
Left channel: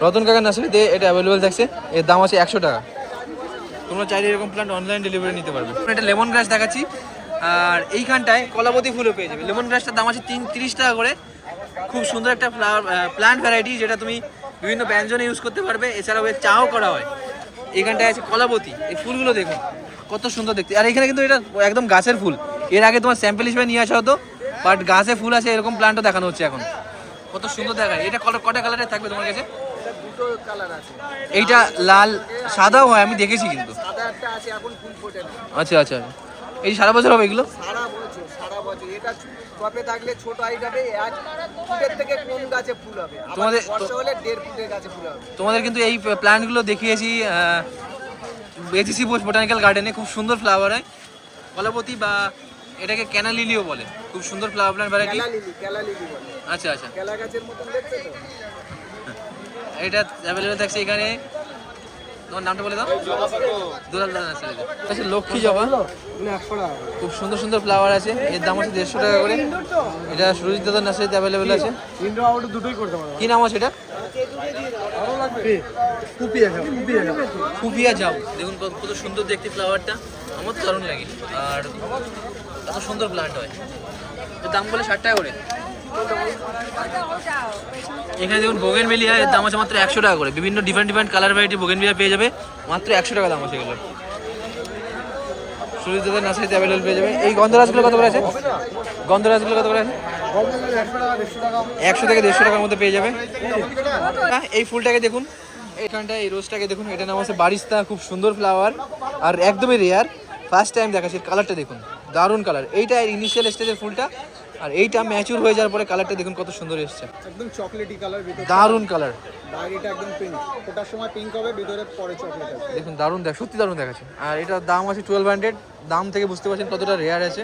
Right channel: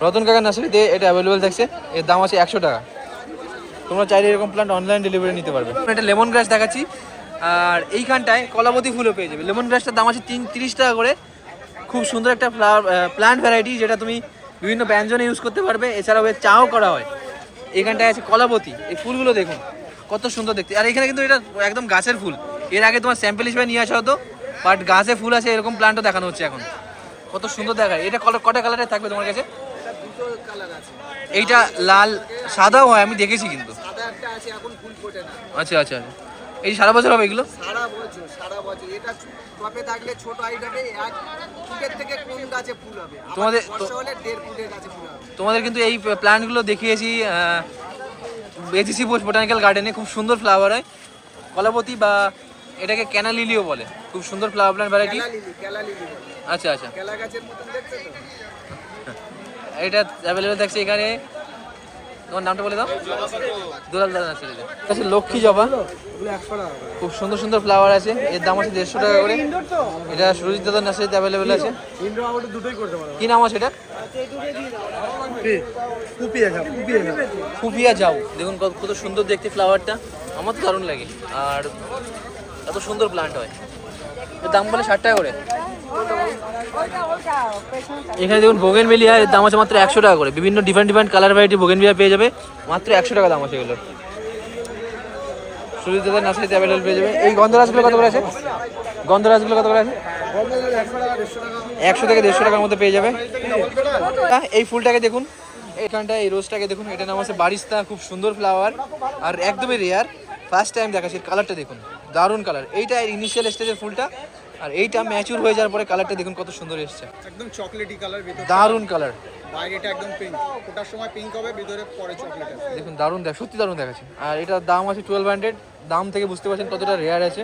Ratan কাকা নার্সারিতে এটা অ্যাভেলেবেল থাকছে, এর দাম আছে 100 টাকা। তোমরা চাইলে এরকম প্ল্যান্ট অনলাইন ডেলিভারি নিতে পারবে। এটা লেমন গ্রাস দেখাচ্ছি, আর এইখানটায় কলাবতী ফুলও পেয়ে যাবে। লেমন গ্রাসটার দাম আছে 30 টাকা করে। খুব সুন্দর একটা ফ্লাওয়ার প্ল্যান্ট ভ্যারাইটি, যেটা তুমি বিভিন্ন ব্যঞ্জনে ইউজ করতে পারবে, এছাড়াও এর চাও করা হয়। এখানটায় আছে কলাবতী, এই ফুলগুলো দেখুন কত সুন্দর দেখতে। আর এখানে কিন্তু এটা একদম গাছের ফুল, এর আগে তোমার স্যাম্পল হিসেবে নিয়ে আসা হতো, বাট গাছে ফুল আছে এরকম প্ল্যান্টও দেখানো হচ্ছে এখন। কত সুন্দর দেখায়। এটা কটা কালারের থাকবে তোমার কাছে? দুটো কালার আছে, এইটা লাল সাদাও হয়, আমি দেখেছি কিন্তু। সাদা একটা আছে, এখন ফুল ফোটে না। আচ্ছা আচ্ছা, এই সারা বছর হবে এগুলো? সারা বছর। এটা টপে থাকলে ছোট হাইট হবে, 1 ফুটের থেকে কম গাছে ফুল হবে। তোমাদের বর্ষা হলে 1.5 ফুটের গাছে ফুল হবে। তোমাদের কিন্তু এই প্ল্যান্টগুলো দেখিয়েছি এজিসি বোস বোটানিক্যাল গার্ডেনে, খুব সুন্দর ফ্লাওয়ার হয়। কলাবতী বা এটাকে ক্যানা লিলিও বলে, খুব সুন্দর ফ্লাওয়ার প্ল্যান্ট ভ্যারাইটি। কেলা লিলি বলে। আচ্ছা আচ্ছা, কেলা গাছের মতন দেখতে তো। এটা অ্যাভেলেবেল থাকছে এখানে। তোমার নামটা বলে দাও। দুলাল দাদা নার্সারিতে আচ্ছা, লক্ষ্মী জবা, খুব সুন্দর সুন্দর ফ্লাওয়ার আছে, এর দাম আছে 150 টাকা করে। এটা সুরজিৎ দাদার নার্সারিতে অ্যাভেলেবেল আছে। কি নাম আছে এটা? কুপিয়া যাও। দেখুন কত সুন্দর দেখতে ফ্লাওয়ারটা, আমার তো দারুণ লাগে, আর এত সুন্দর প্ল্যান্ট হয়। এর দাম বলে 60 টাকা করে। এখানে দেখুন বোগেনভেলিয়া, এর দাম আছে মাত্র 100 টাকা করে। বিভিন্ন ডিফারেন্ট কালার ভ্যারাইটি বোগেনভেলিয়া পেয়ে যাবে, মাত্র 100 টাকা দাম আছে এগুলোর। সুরজিৎ দাদার নার্সারিতে অ্যাভেলেবেল পেয়ে যাবে। এই গন্ধরাজগুলো কত করে আছে? গন্ধরাজগুলো কত করে আছে? 100 থেকে 150 টাকার মধ্যে পেয়ে যাবে। এই ফুলটাকে দেখুন, এইখানটা এই রোজটাকে দেখুন, এটার নাম হচ্ছে বারিস্তা, খুব সুন্দর ফ্লাওয়ার, আর একদমই রেয়ার। ফার্স্ট টাইম দেখাচ্ছি, কালারটা দেখুন দারুণ কালার। এইটা ইনিশিয়াল স্টেজের ফুলটা, আর এইটা ম্যাচিউর হয়ে যাওয়ার পরে কালারটা দেখুন কত সুন্দর এসেছে, একদম চকলেটি কালার, ভিতরে দারুণ কালার। বাইরেটা একদম পিঙ্ক, ফোটার সময় পিঙ্ক হবে, ভিতরে পরে চকলেট আছে। দেখুন দারুণ সত্যি দারুণ দেখাচ্ছে। আর এটার দাম আছে 1200। দাম থেকে বুঝতে পারছেন কতটা রেয়ার আছে।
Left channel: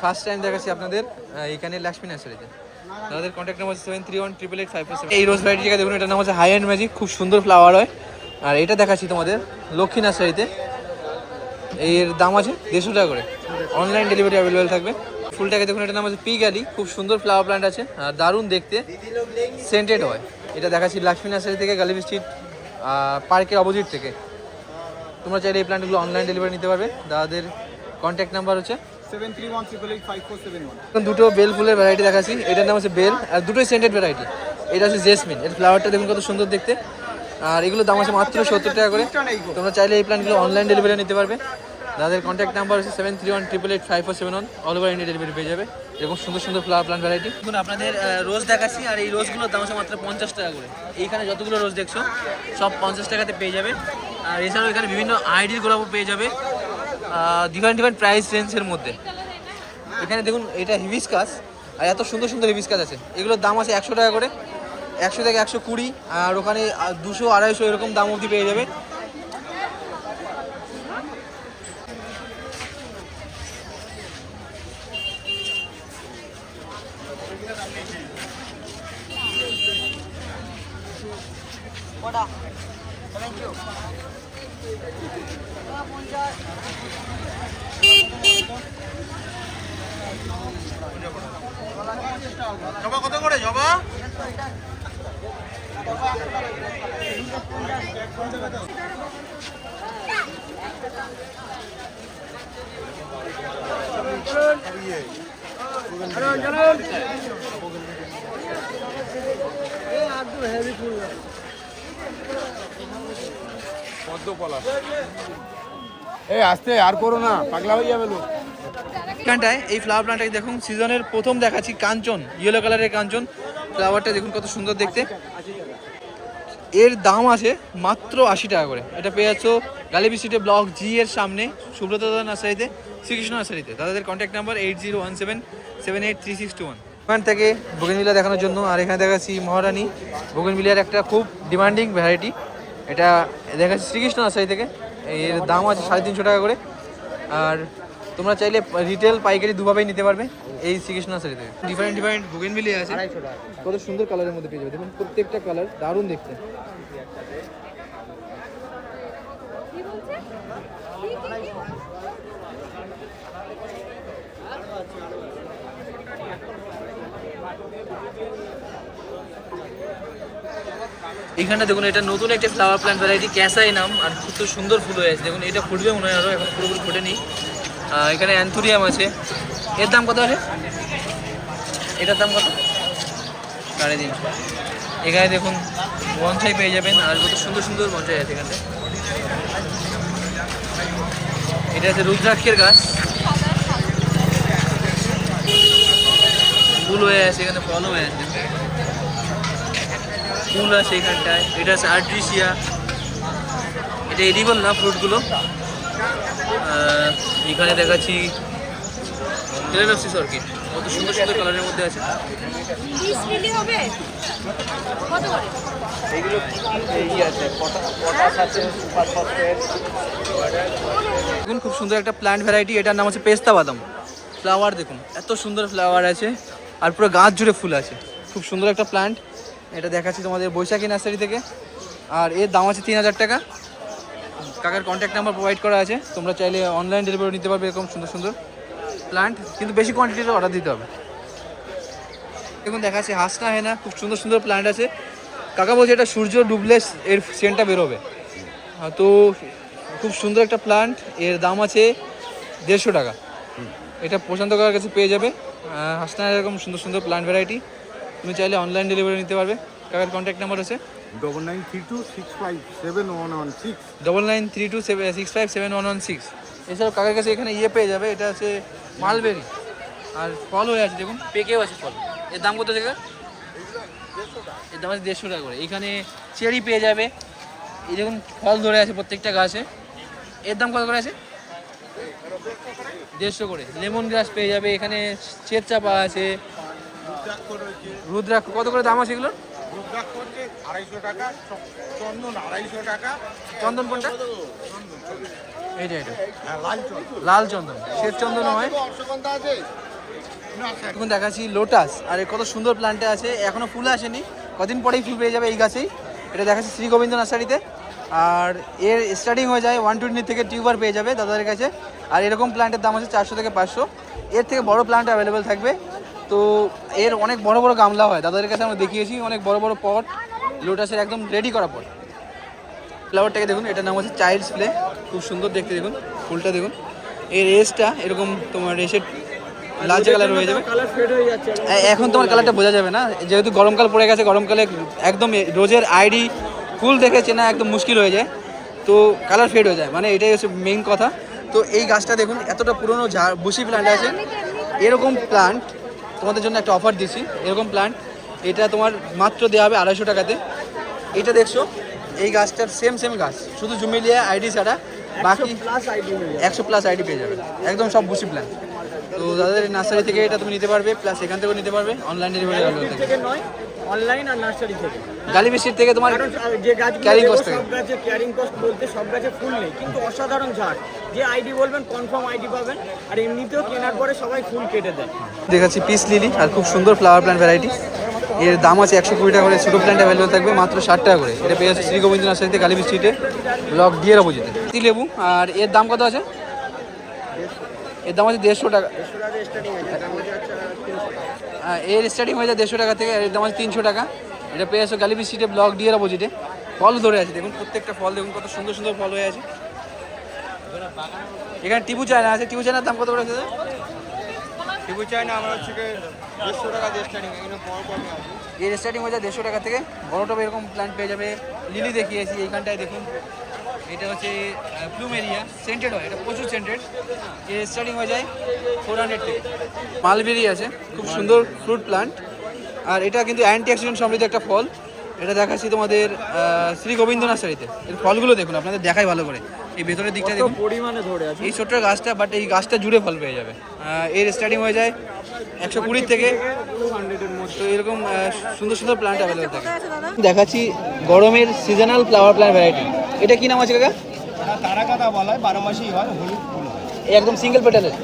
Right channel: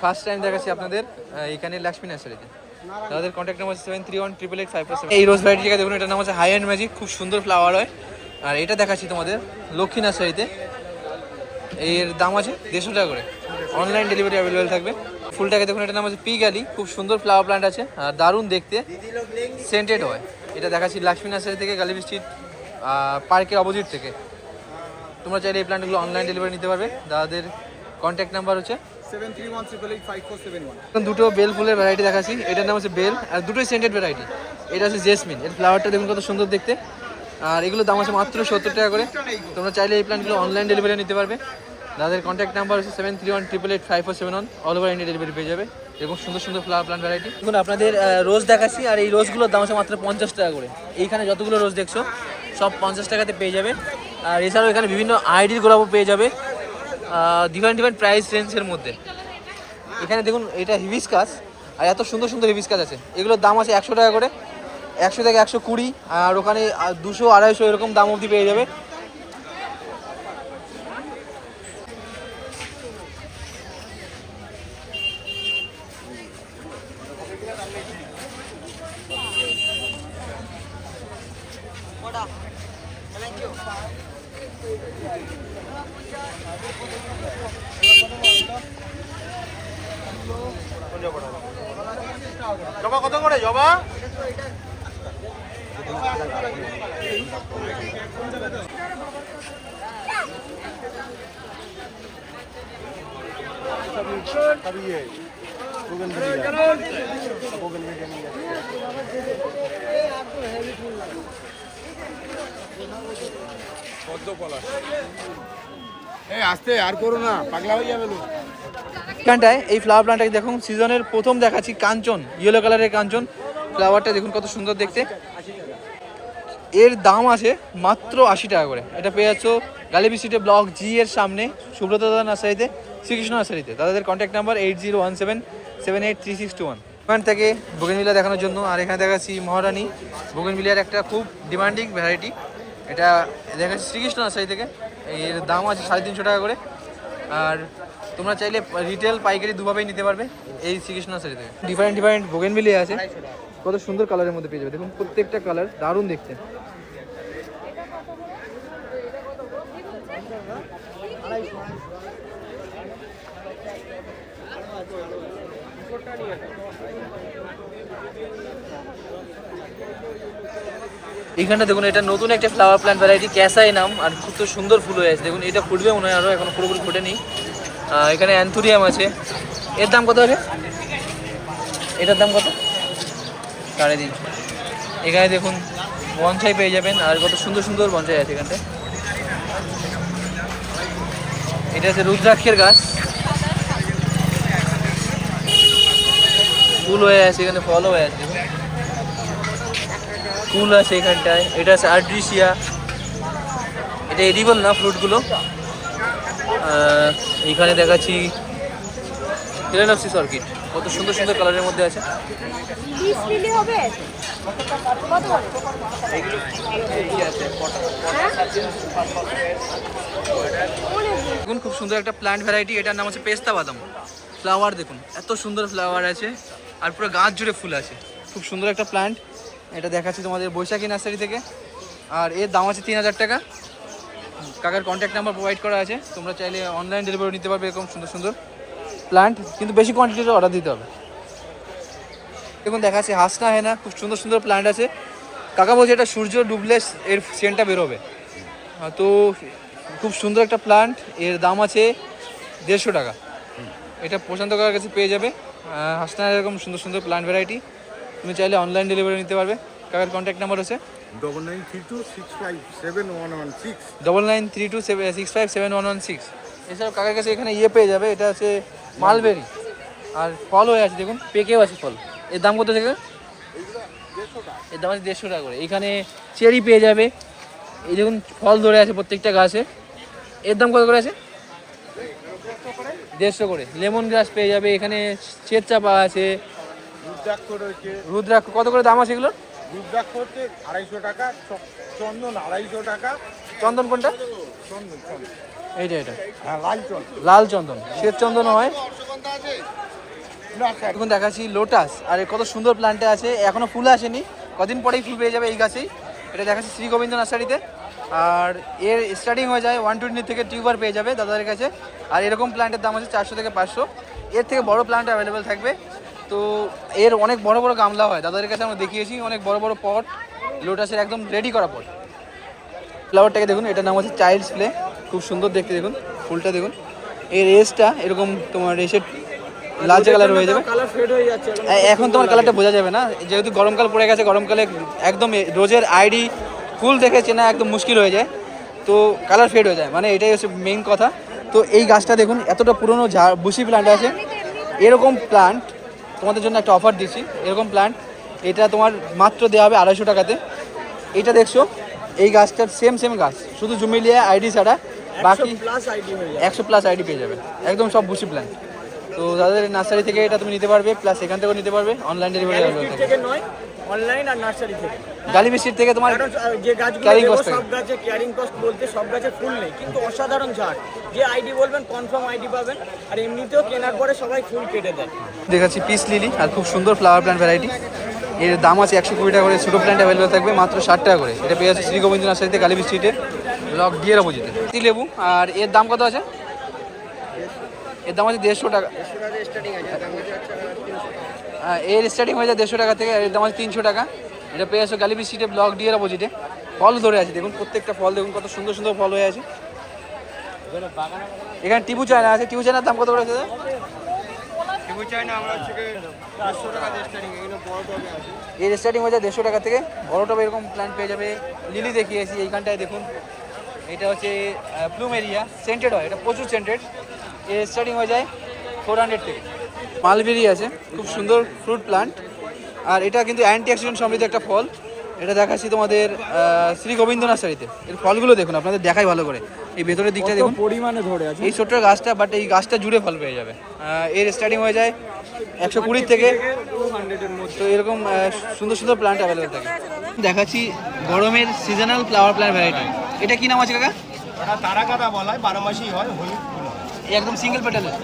ফার্স্ট টাইম দেখাচ্ছি আপনাদের এখানে লক্ষ্মী নার্সারিতে। তাদের কন্ট্যাক্ট নাম্বার 7318885547। এই রোজ ভ্যারাইটিটা দেখুন, এটার নাম হচ্ছে হাই অ্যান্ড ম্যাজিক, খুব সুন্দর ফ্লাওয়ার হয়। আর এটা দেখাচ্ছি তোমাদের লক্ষ্মী নার্সারিতে, এর দাম আছে 150 টাকা করে। অনলাইন ডেলিভারি অ্যাভেলেবেল থাকবে। ফুলটাকে দেখুন, এটার নাম হচ্ছে পি গ্যালি, খুব সুন্দর ফ্লাওয়ার প্ল্যান্ট আছে, আর দারুণ দেখতে, সেন্টেড হয়। এটা দেখাচ্ছি লক্ষ্মী নার্সারি থেকে, গালিব স্ট্রিট পার্কের অপোজিট থেকে। তোমরা চাইলে এই প্ল্যান্টগুলো অনলাইন ডেলিভারি নিতে পারবে। দাদাদের কন্ট্যাক্ট নাম্বার হচ্ছে 7318885471। দুটো বেল ফুলের ভ্যারাইটি দেখাচ্ছি, এটার নাম হচ্ছে বেল, আর দুটোই সেন্টেড ভ্যারাইটি। এটা হচ্ছে জেসমিন, এর ফ্লাওয়ারটা দেখুন কত সুন্দর দেখতে, আর এগুলোর দাম আছে মাত্র 70 টাকা করে। তোমরা চাইলে এই প্ল্যান্টগুলো অনলাইন ডেলিভারি নিতে পারবে। দাদাদের কন্ট্যাক্ট নাম্বার হচ্ছে 7318885471। অল ওভার ইন্ডিয়া ডেলিভারি পেয়ে যাবে এরকম সুন্দর সুন্দর ফ্লাওয়ার প্ল্যান্ট ভ্যারাইটি। দেখুন আপনাদের রোজ দেখাচ্ছি, আর এই রোজগুলোর দাম আছে মাত্র 50 টাকা করে। এইখানে যতগুলো রোজ দেখছো সব 50 টাকাতে পেয়ে যাবে। আর এছাড়াও এখানে বিভিন্ন আইডির গোলাপও পেয়ে যাবে ডিফারেন্ট ডিফারেন্ট প্রাইস রেঞ্জের মধ্যে। এখানে দেখুন এটা হিবিস্কাস, আর এত সুন্দর সুন্দর হিবিস্কাস আছে। এগুলোর দাম আছে 100 টাকা করে, 100 থেকে 120, আর ওখানে 200 250 এরকম দাম অবধি পেয়ে যাবে। জবা কত করে জবা? এই আস্তে আর করো না, পাগলা হয়ে যাবে লোক। এখানটায় এই ফ্লাওয়ার প্ল্যান্টটাকে দেখুন সিজনের প্রথম দেখাচ্ছি, কাঞ্চন, ইয়েলো কালারের কাঞ্চন ফ্লাওয়ারটা দেখুন কত সুন্দর দেখতে। এর দাম আছে মাত্র 80 টাকা করে। এটা পেয়ে যাচ্ছ গালিবি স্ট্রিটে ব্লক জি এর সামনে সুব্রত দাদা নার্সারিতে, শ্রীকৃষ্ণ নার্সারিতে। তাদের কন্ট্যাক্ট নাম্বার 8017783621। ওখান থেকে বোগেনভিলিয়া দেখানোর জন্য। আর এখানে দেখাচ্ছি মহারানী বোগেনভিলিয়ার একটা খুব ডিমান্ডিং ভ্যারাইটি, এটা দেখাচ্ছি শ্রীকৃষ্ণ নার্সারি থেকে। এর দাম আছে 350 টাকা করে। আর তোমরা চাইলে রিটেল পাইকারি দুভাবেই নিতে পারবে এই শ্রীকৃষ্ণ নার্সারি থেকে। ডিফারেন্ট ডিফারেন্ট বোগেনভিলিয়া আছে, কত সুন্দর কালারের মধ্যে পেয়ে যাবে। দেখুন প্রত্যেকটা কালার দারুণ দেখতে। এইখানটা দেখুন এটা নতুন একটা ফ্লাওয়ার প্ল্যান্ট ভ্যারাইটি, ক্যাসাই নাম, আর খুব তো সুন্দর ফুল হয়ে আছে। দেখুন এটা ফুটবে মনে হয়, আরও এখন পুরোপুরি ফুটেনি। এখানে অ্যান্থুরিয়াম আছে, এর দাম কত আছে? এটার দাম কত? 350। এখানে দেখুন বনসাই পেয়ে যাবেন, আর কত সুন্দর সুন্দর বনসাই আছে এখানটায়। এটা হচ্ছে রুদ্রাক্ষের গাছ, ফুল হয়ে আছে, এখানে ফলও হয়ে আছে, ফুল আছে এখানটায়। এটা আছে আর্ট্রিসিয়া, এটা এডিবল না ফ্রুটগুলো। এখানে দেখাচ্ছি ফিলাডেলফিস অর্কিড, কত সুন্দর সুন্দর কালারের মধ্যে আছে। দেখুন খুব সুন্দর একটা প্ল্যান্ট ভ্যারাইটি, এটার নাম হচ্ছে পেস্তা বাদাম। ফ্লাওয়ার দেখুন এত সুন্দর ফ্লাওয়ার আছে, আর পুরো গাছ জুড়ে ফুল আছে। খুব সুন্দর একটা প্ল্যান্ট, এটা দেখাচ্ছি তোমাদের বৈশাখী নার্সারি থেকে। আর এর দাম আছে 3000 টাকা। কাকার কন্ট্যাক্ট নাম্বার প্রোভাইড করা আছে, তোমরা চাইলে অনলাইন ডেলিভারি নিতে পারবে এরকম সুন্দর সুন্দর প্ল্যান্ট, কিন্তু বেশি কোয়ান্টিটিতে অর্ডার দিতে হবে। দেখুন দেখাচ্ছি হাসনা হেনা, খুব সুন্দর সুন্দর প্ল্যান্ট আছে। কাকা বলছে এটা সূর্য ডুবলে এর সেন্টটা বেরোবে। তো খুব সুন্দর একটা প্ল্যান্ট, এর দাম আছে 150 টাকা। এটা পছন্দ করার কাছে পেয়ে যাবে। হাসনা এরকম সুন্দর সুন্দর প্ল্যান্ট ভ্যারাইটি তুমি চাইলে অনলাইন ডেলিভারি নিতে পারবে। কাকার কন্ট্যাক্ট নাম্বার আছে 9932657116 9932657116। এছাড়াও কাকার কাছে এখানে ইয়ে পেয়ে যাবে, এটা হচ্ছে মালবেরি, আর ফল হয়ে আছে দেখুন, পেকেও আছে ফল। এর দাম কত থেকে? এর দাম আছে 150 টাকা করে। এখানে চেরি পেয়ে যাবে, এই দেখুন ফল ধরে আছে প্রত্যেকটা গাছে। এর দাম কত করে আছে? 150 করে। লেমন গ্রাস পেয়ে যাবে, এখানে চেত চাপা আছে, রুদ্রাক্ষ কত করে দাম আছে এগুলো? রুদ্রাক্ষ হচ্ছে 250 টাকা, চন্দন 250 টাকা। চন্দন কোনটা? এইটা এটা লাল চন্দন, শ্বেত চন্দন হয়। এখন দেখাচ্ছি লোটাস, আর কত সুন্দর প্ল্যান্টে আছে, এখনো ফুল আসেনি, কদিন পরেই ফুল পেয়ে যাবে এই গাছেই। এটা দেখাচ্ছি শ্রী গোবিন্দ নার্সারিতে। আর এর স্টার্টিং হয়ে যায় 120 থেকে টিউবার পেয়ে যাবে দাদাদের কাছে। আর এরকম প্ল্যান্টের দাম আছে 400 থেকে 500। এর থেকে বড় প্ল্যান্ট অ্যাভেলেবেল থাকবে। তো এর অনেক বড় বড় গামলা হয় দাদাদের কাছে, আমরা দেখিয়েছি অনেক বড় বড় পট, লোটাসের একদম রেডি করা পট। ফ্লাওয়ারটাকে দেখুন, এটার নাম হচ্ছে চাইল্ডস প্লে, খুব সুন্দর দেখতে। দেখুন ফুলটা দেখুন, এর এজটা এরকম তোমার এসে লালচে কালার হয়ে যাবে। এখন তোমার কালারটা বোঝা যাবে না, যেহেতু গরমকাল পড়ে গেছে, গরমকালে একদম রোজের আইডি ফুল দেখে চেনা একদম মুশকিল হয়ে যায়, তো কালার ফেড হয়ে যায়, মানে এটাই হচ্ছে মেইন কথা। তো এই গাছটা দেখুন এতটা পুরনো বুশি প্ল্যান্ট আছে। এরকম প্ল্যান্ট তোমাদের জন্য একটা অফার দিচ্ছি, এরকম প্ল্যান্ট এটা তোমার মাত্র দেওয়া হবে 250 টাকাতে। এটা দেখছো এই গাছটার সেম গাছ, শুধু জুমিলিয়া আইডি ছাড়া বাকি প্লাস আইডি হয়ে যাবে। 100+ আইডি পেয়ে যাবে, একদম সব বুশি প্ল্যান্ট। তো তাদের নার্সারি থেকে এটা তুমি নিতে পারবে, প্লাস এখান থেকেও নিতে পারবে, অনলাইন ডেলিভারি Street থেকে নয়, অনলাইন আর নার্সারি থেকে। গালিবি স্ট্রিট থেকে তোমার কারণ যে গাছগুলো carrying দেবো, cost থাকে। সব গাছে ক্যারিং কস্ট বলতে সব গাছে ফুল নেই, কিন্তু অসাধারণ ঝাড়। যে আইডি বলবেন কনফার্ম আইডি পাবেন, আর এমনিতেও কেনার পরে সবাই ফুল কেটে দেয়। দেখাচ্ছি পিস লিলি, আর খুব সুন্দর ফ্লাওয়ার প্ল্যান্ট ভ্যারাইটি। এর দাম আছে 120 টাকা করে, ছোটো প্ল্যান্ট অ্যাভেলেবল থাকবে মাত্র 60 টাকা করে। এটা পেয়ে যাচ্ছে শ্রী গোবিন্দ নার্সারিতে, গালিবি স্ট্রিটে, ব্লক ডি এর অপোজিটে। লেবু, আর এর দাম কত আছে? এর দাম আছে 150 টাকা। 150 টাকা স্টার্টিং আছে, দাম হচ্ছে 300 টাকা। এর স্টার্টিং হয়ে যায় 150 টাকা থেকে, এর দাম আছে 300 টাকা। এটা পেয়ে যাচ্ছে গালিবি স্ট্রিটে, ব্লক ডি এর অপোজিটে। ফল ধরে আছে দেখুন, প্রত্যেকটা ফল দেখুন কত সুন্দর সুন্দর ফল হয়ে আছে। এখানে টিবু চায়না আছে, টিবু চায়নার দাম কত করে আছে? টিবু চাই না, আমরা হচ্ছে 150 টাকা দিয়ে স্টার্টিং, এখানে বড় টবে আছে। এর স্টার্টিং হয়ে যায় 150 টাকা থেকে, বড় টবে এরকম প্ল্যান্ট পেয়ে যাবে। লিলি দেখিয়েছি এইখানটায় দেখুন, এটা হচ্ছে প্লুমেরিয়া, সেন্টেড হয়, এটা প্রচুর সেন্টেড। এর স্টার্টিং হয়ে যায় 400 থেকে। মালবেরি আছে, খুব সুন্দর ফ্রুট প্ল্যান্ট, আর এটা কিন্তু অ্যান্টি অক্সিডেন্ট সমৃদ্ধ একটা ফল। এটা দেখাচ্ছি তোমাদের শ্রী গোবিন্দ নার্সারিতে। এর ফলগুলো দেখুন, আপনাদের দেখাই ভালো করে। এই ভেতরের দিকটা দেখুন, পরিমাণে ধরে আছে। এই ছোট্ট গাছটা, বাট এই গাছটা জুড়ে ফল পেয়ে যাবে। এর স্টার্টিং হয়ে যায় 120 থেকে 200 এর মধ্যে। তো এরকম সুন্দর সুন্দর প্ল্যান্ট অ্যাভেলেবল থাকে। দেখাচ্ছি গরমের সিজনাল ফ্লাওয়ার প্ল্যান্ট ভ্যারাইটি। এটা কি নাম আছে কাকা? এটা তারাকাটা বলা হয়, 12 মাসই হয়, হলুদ ফুল হয়। এই একদম সিঙ্গেল পেটালের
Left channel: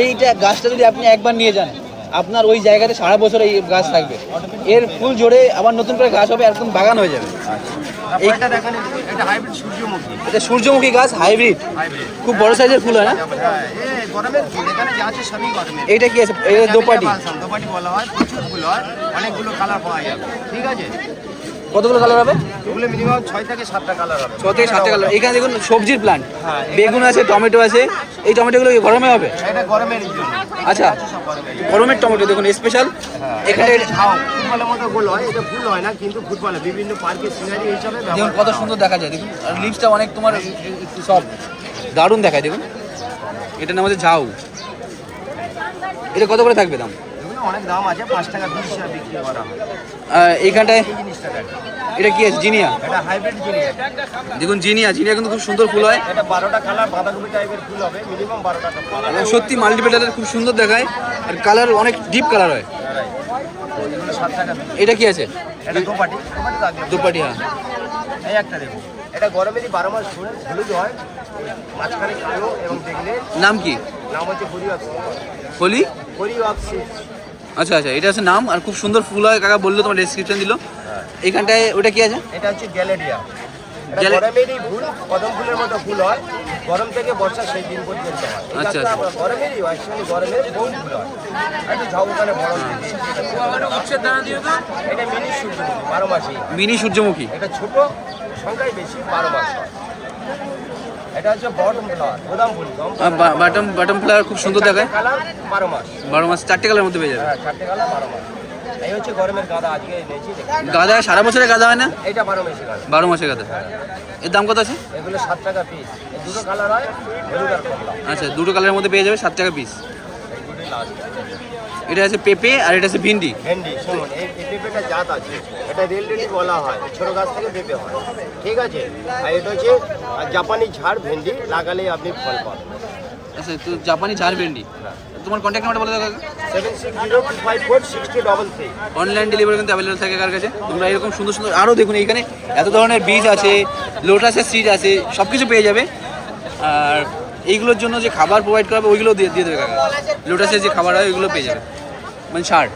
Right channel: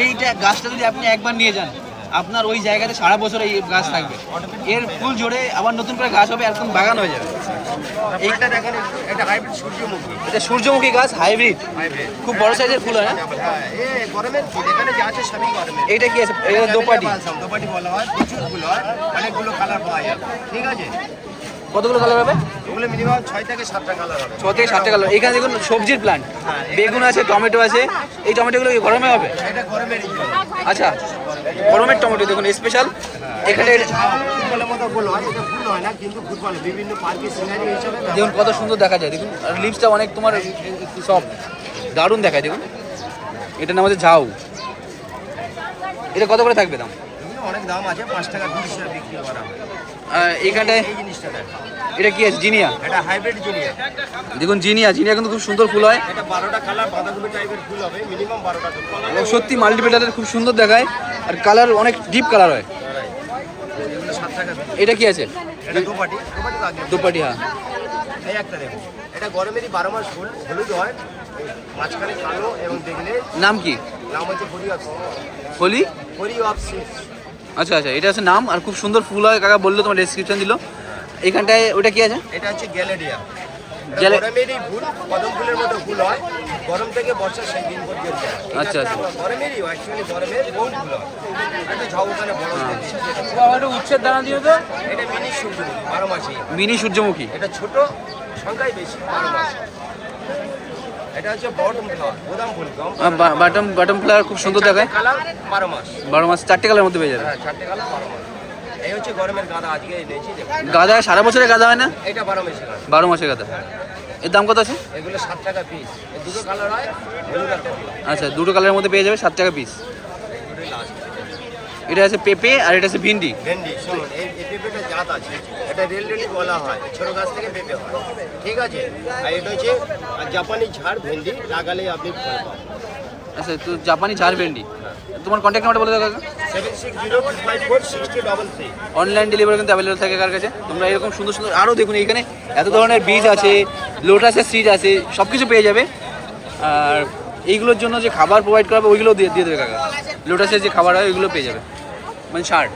এইটা গাছটা যদি আপনি একবার নিয়ে যান, আপনার ওই জায়গাতে সারা বছর এই গাছ থাকবে। এর ফুল ঝরে আবার নতুন করে গাছ হবে, একদম বাগান হয়ে যাবে। এইটা দেখেন, এটা হাইব্রিড সূর্যমুখী। এটা সূর্যমুখী গাছ, হাইব্রিড, হাইব্রিড, খুব বড় সাইজের ফুল হয় না? হ্যাঁ, এই গরমের ফুল, এখানে যা আছে সবই গরমের। এইটা কি আছে? এটা দোপাটি। দোপাটি বলা হয়, প্রচুর ফুল হয়, অনেকগুলো কালার পাওয়া যাবে। ঠিক আছে, কতগুলো কালার হবে? ওগুলো মিনিমাম 6 থেকে 7টা কালার হবে। 6 থেকে 7টা কালার। এখানে দেখুন সবজির প্ল্যান্ট, বেগুন আছে, টমেটো আছে। এই টমেটোগুলো কি গরমে হবে? এটা গরমের আচ্ছা, গরমের টমেটো দেখুন স্পেশাল। এখানে ফুটবলের মতো গোল হয়, এটা ফুল হয় না, কিন্তু ফুটবলে বিভিন্ন পার্কের সিনারি হিসাবে দেখুন কত সুন্দর দেখা যায়, দেখুন। আর লিপসটা অনেক তোমার সব দারুণ দেখায় দেখুন। এটার নাম হচ্ছে ঝাউ। এটা কত করে থাকবে দাম? এগুলো অনেক দাম আছে, 5 টাকা 20 টাকা বিক্রি করা হয়। এইখানটায় এই জিনিসটা দেখো, এটা কি আছে? জিনিয়া। এটা হাইব্রিড জিনিয়া। দেখুন জিনিয়া কিন্তু খুব সুন্দর ফুল হয়। এটা 12টা কালার বাঁধাকপি টাইপের ফুল হবে, মিনিমাম 12টা কালার। এবং সত্যি মাল্টিপেটারের খুব সুন্দর দেখায়, আর কালার অনেক ডিপ কালার হয়। এগুলো 7 টাকা বিক্রি। এটা কি আছে? এটা দোপাটি, দোপাটি তো আগে। দুপাটি, হ্যাঁ। এই একটা দেখো, এটা গরমেরই 12 মাস ফুল, হলুদ হয়, মাঝখানে কালো, এবং দেখলে নাম কি? নাম হচ্ছে Hari of Holi. Hari of seeds. আচ্ছা, এটা আছে নাম, আর খুব সুন্দর ফুল হয়। কাকা বললো, তোমার ডেসক্রিপশন দিল। এইখানটায় ওটা কি আছে? এটা হচ্ছে গ্যালেরিয়া। গ্যালে- গরমেরই ফুল, কদম ফুলের মতো ফুল হয়, গরম থেকে বর্ষা সেই দিন পর্যন্ত হয়। এই আচ্ছা, গাছটা আচ্ছা। গরমেরই হয়, অ্যাকচুয়ালি গরমের বহু ফুল হয়। আর একটু ঝাউ ওখানে বড় দেখি, উচ্ছের দানা দিও তো। এটা মিনি সূর্যমুখী, 12 মাসই। মিনি সূর্যমুখী। এটা ছোট, সংখ্যাই বেশি, 12 মাস হয়। এটা হচ্ছে বটম ফ্লাওয়ার, বোদাম ফুল, বাটম ফ্লাওয়ার খুব সুন্দর দেখায়। কালার 12 মাস। 12 মাস 4টে কালার মধ্যে পেয়ে যাবে। হ্যাঁ, 4টে কালার 12 মাস। এই হচ্ছে গরমের গাঁদা, আজকে এনেছি দেখুন। গাঁদা সারা বছরের গাঁদা হয় না? এইটা 12 মাসি গাঁদা। 12 মাসের গাঁদা। এর দাম কত আছে? এগুলো 7 টাকা পিস। এই দুটো কালার হয়, হলুদ আর কমলা। আচ্ছা, দুটো কালারের মধ্যে পেয়ে যাবে, 7 টাকা পিস। এইগুলোই লাস্ট। এটা আছে পেঁপে, আর এটা আছে ভিন্ডি। ভেন্ডি, শুনুন, এই পেঁপেটা জাত আছে, এটা রেলরেডি বলা হয়, ছোট গাছ থেকে পেঁপে হয়। ঠিক আছে, আর এটা হচ্ছে জাপানি ঝাড় ভেন্ডি, লাগালেই আপনি ফল পাবেন। আচ্ছা, তো জাপানি ঝাড় ভেন্ডি। হ্যাঁ, তোমার কন্ট্যাক্ট নাম্বার বলে দাও কাকা। 7602546033। অনলাইন ডেলিভারি কিন্তু অ্যাভেলেবল থাকে কার কাছে। তোমরা এরকম সুন্দর সুন্দর আরও দেখুন, এইখানে এত ধরনের বীজ আছে, লোটাসের সিড আছে, সব কিছু পেয়ে যাবে। আর এইগুলোর জন্য যে খাবার প্রোভাইড করাবে ওইগুলো দিয়ে দেবে কাকা। লোটাসের যে খাবার হয় ওইগুলো পেয়ে যাবে, মানে সার।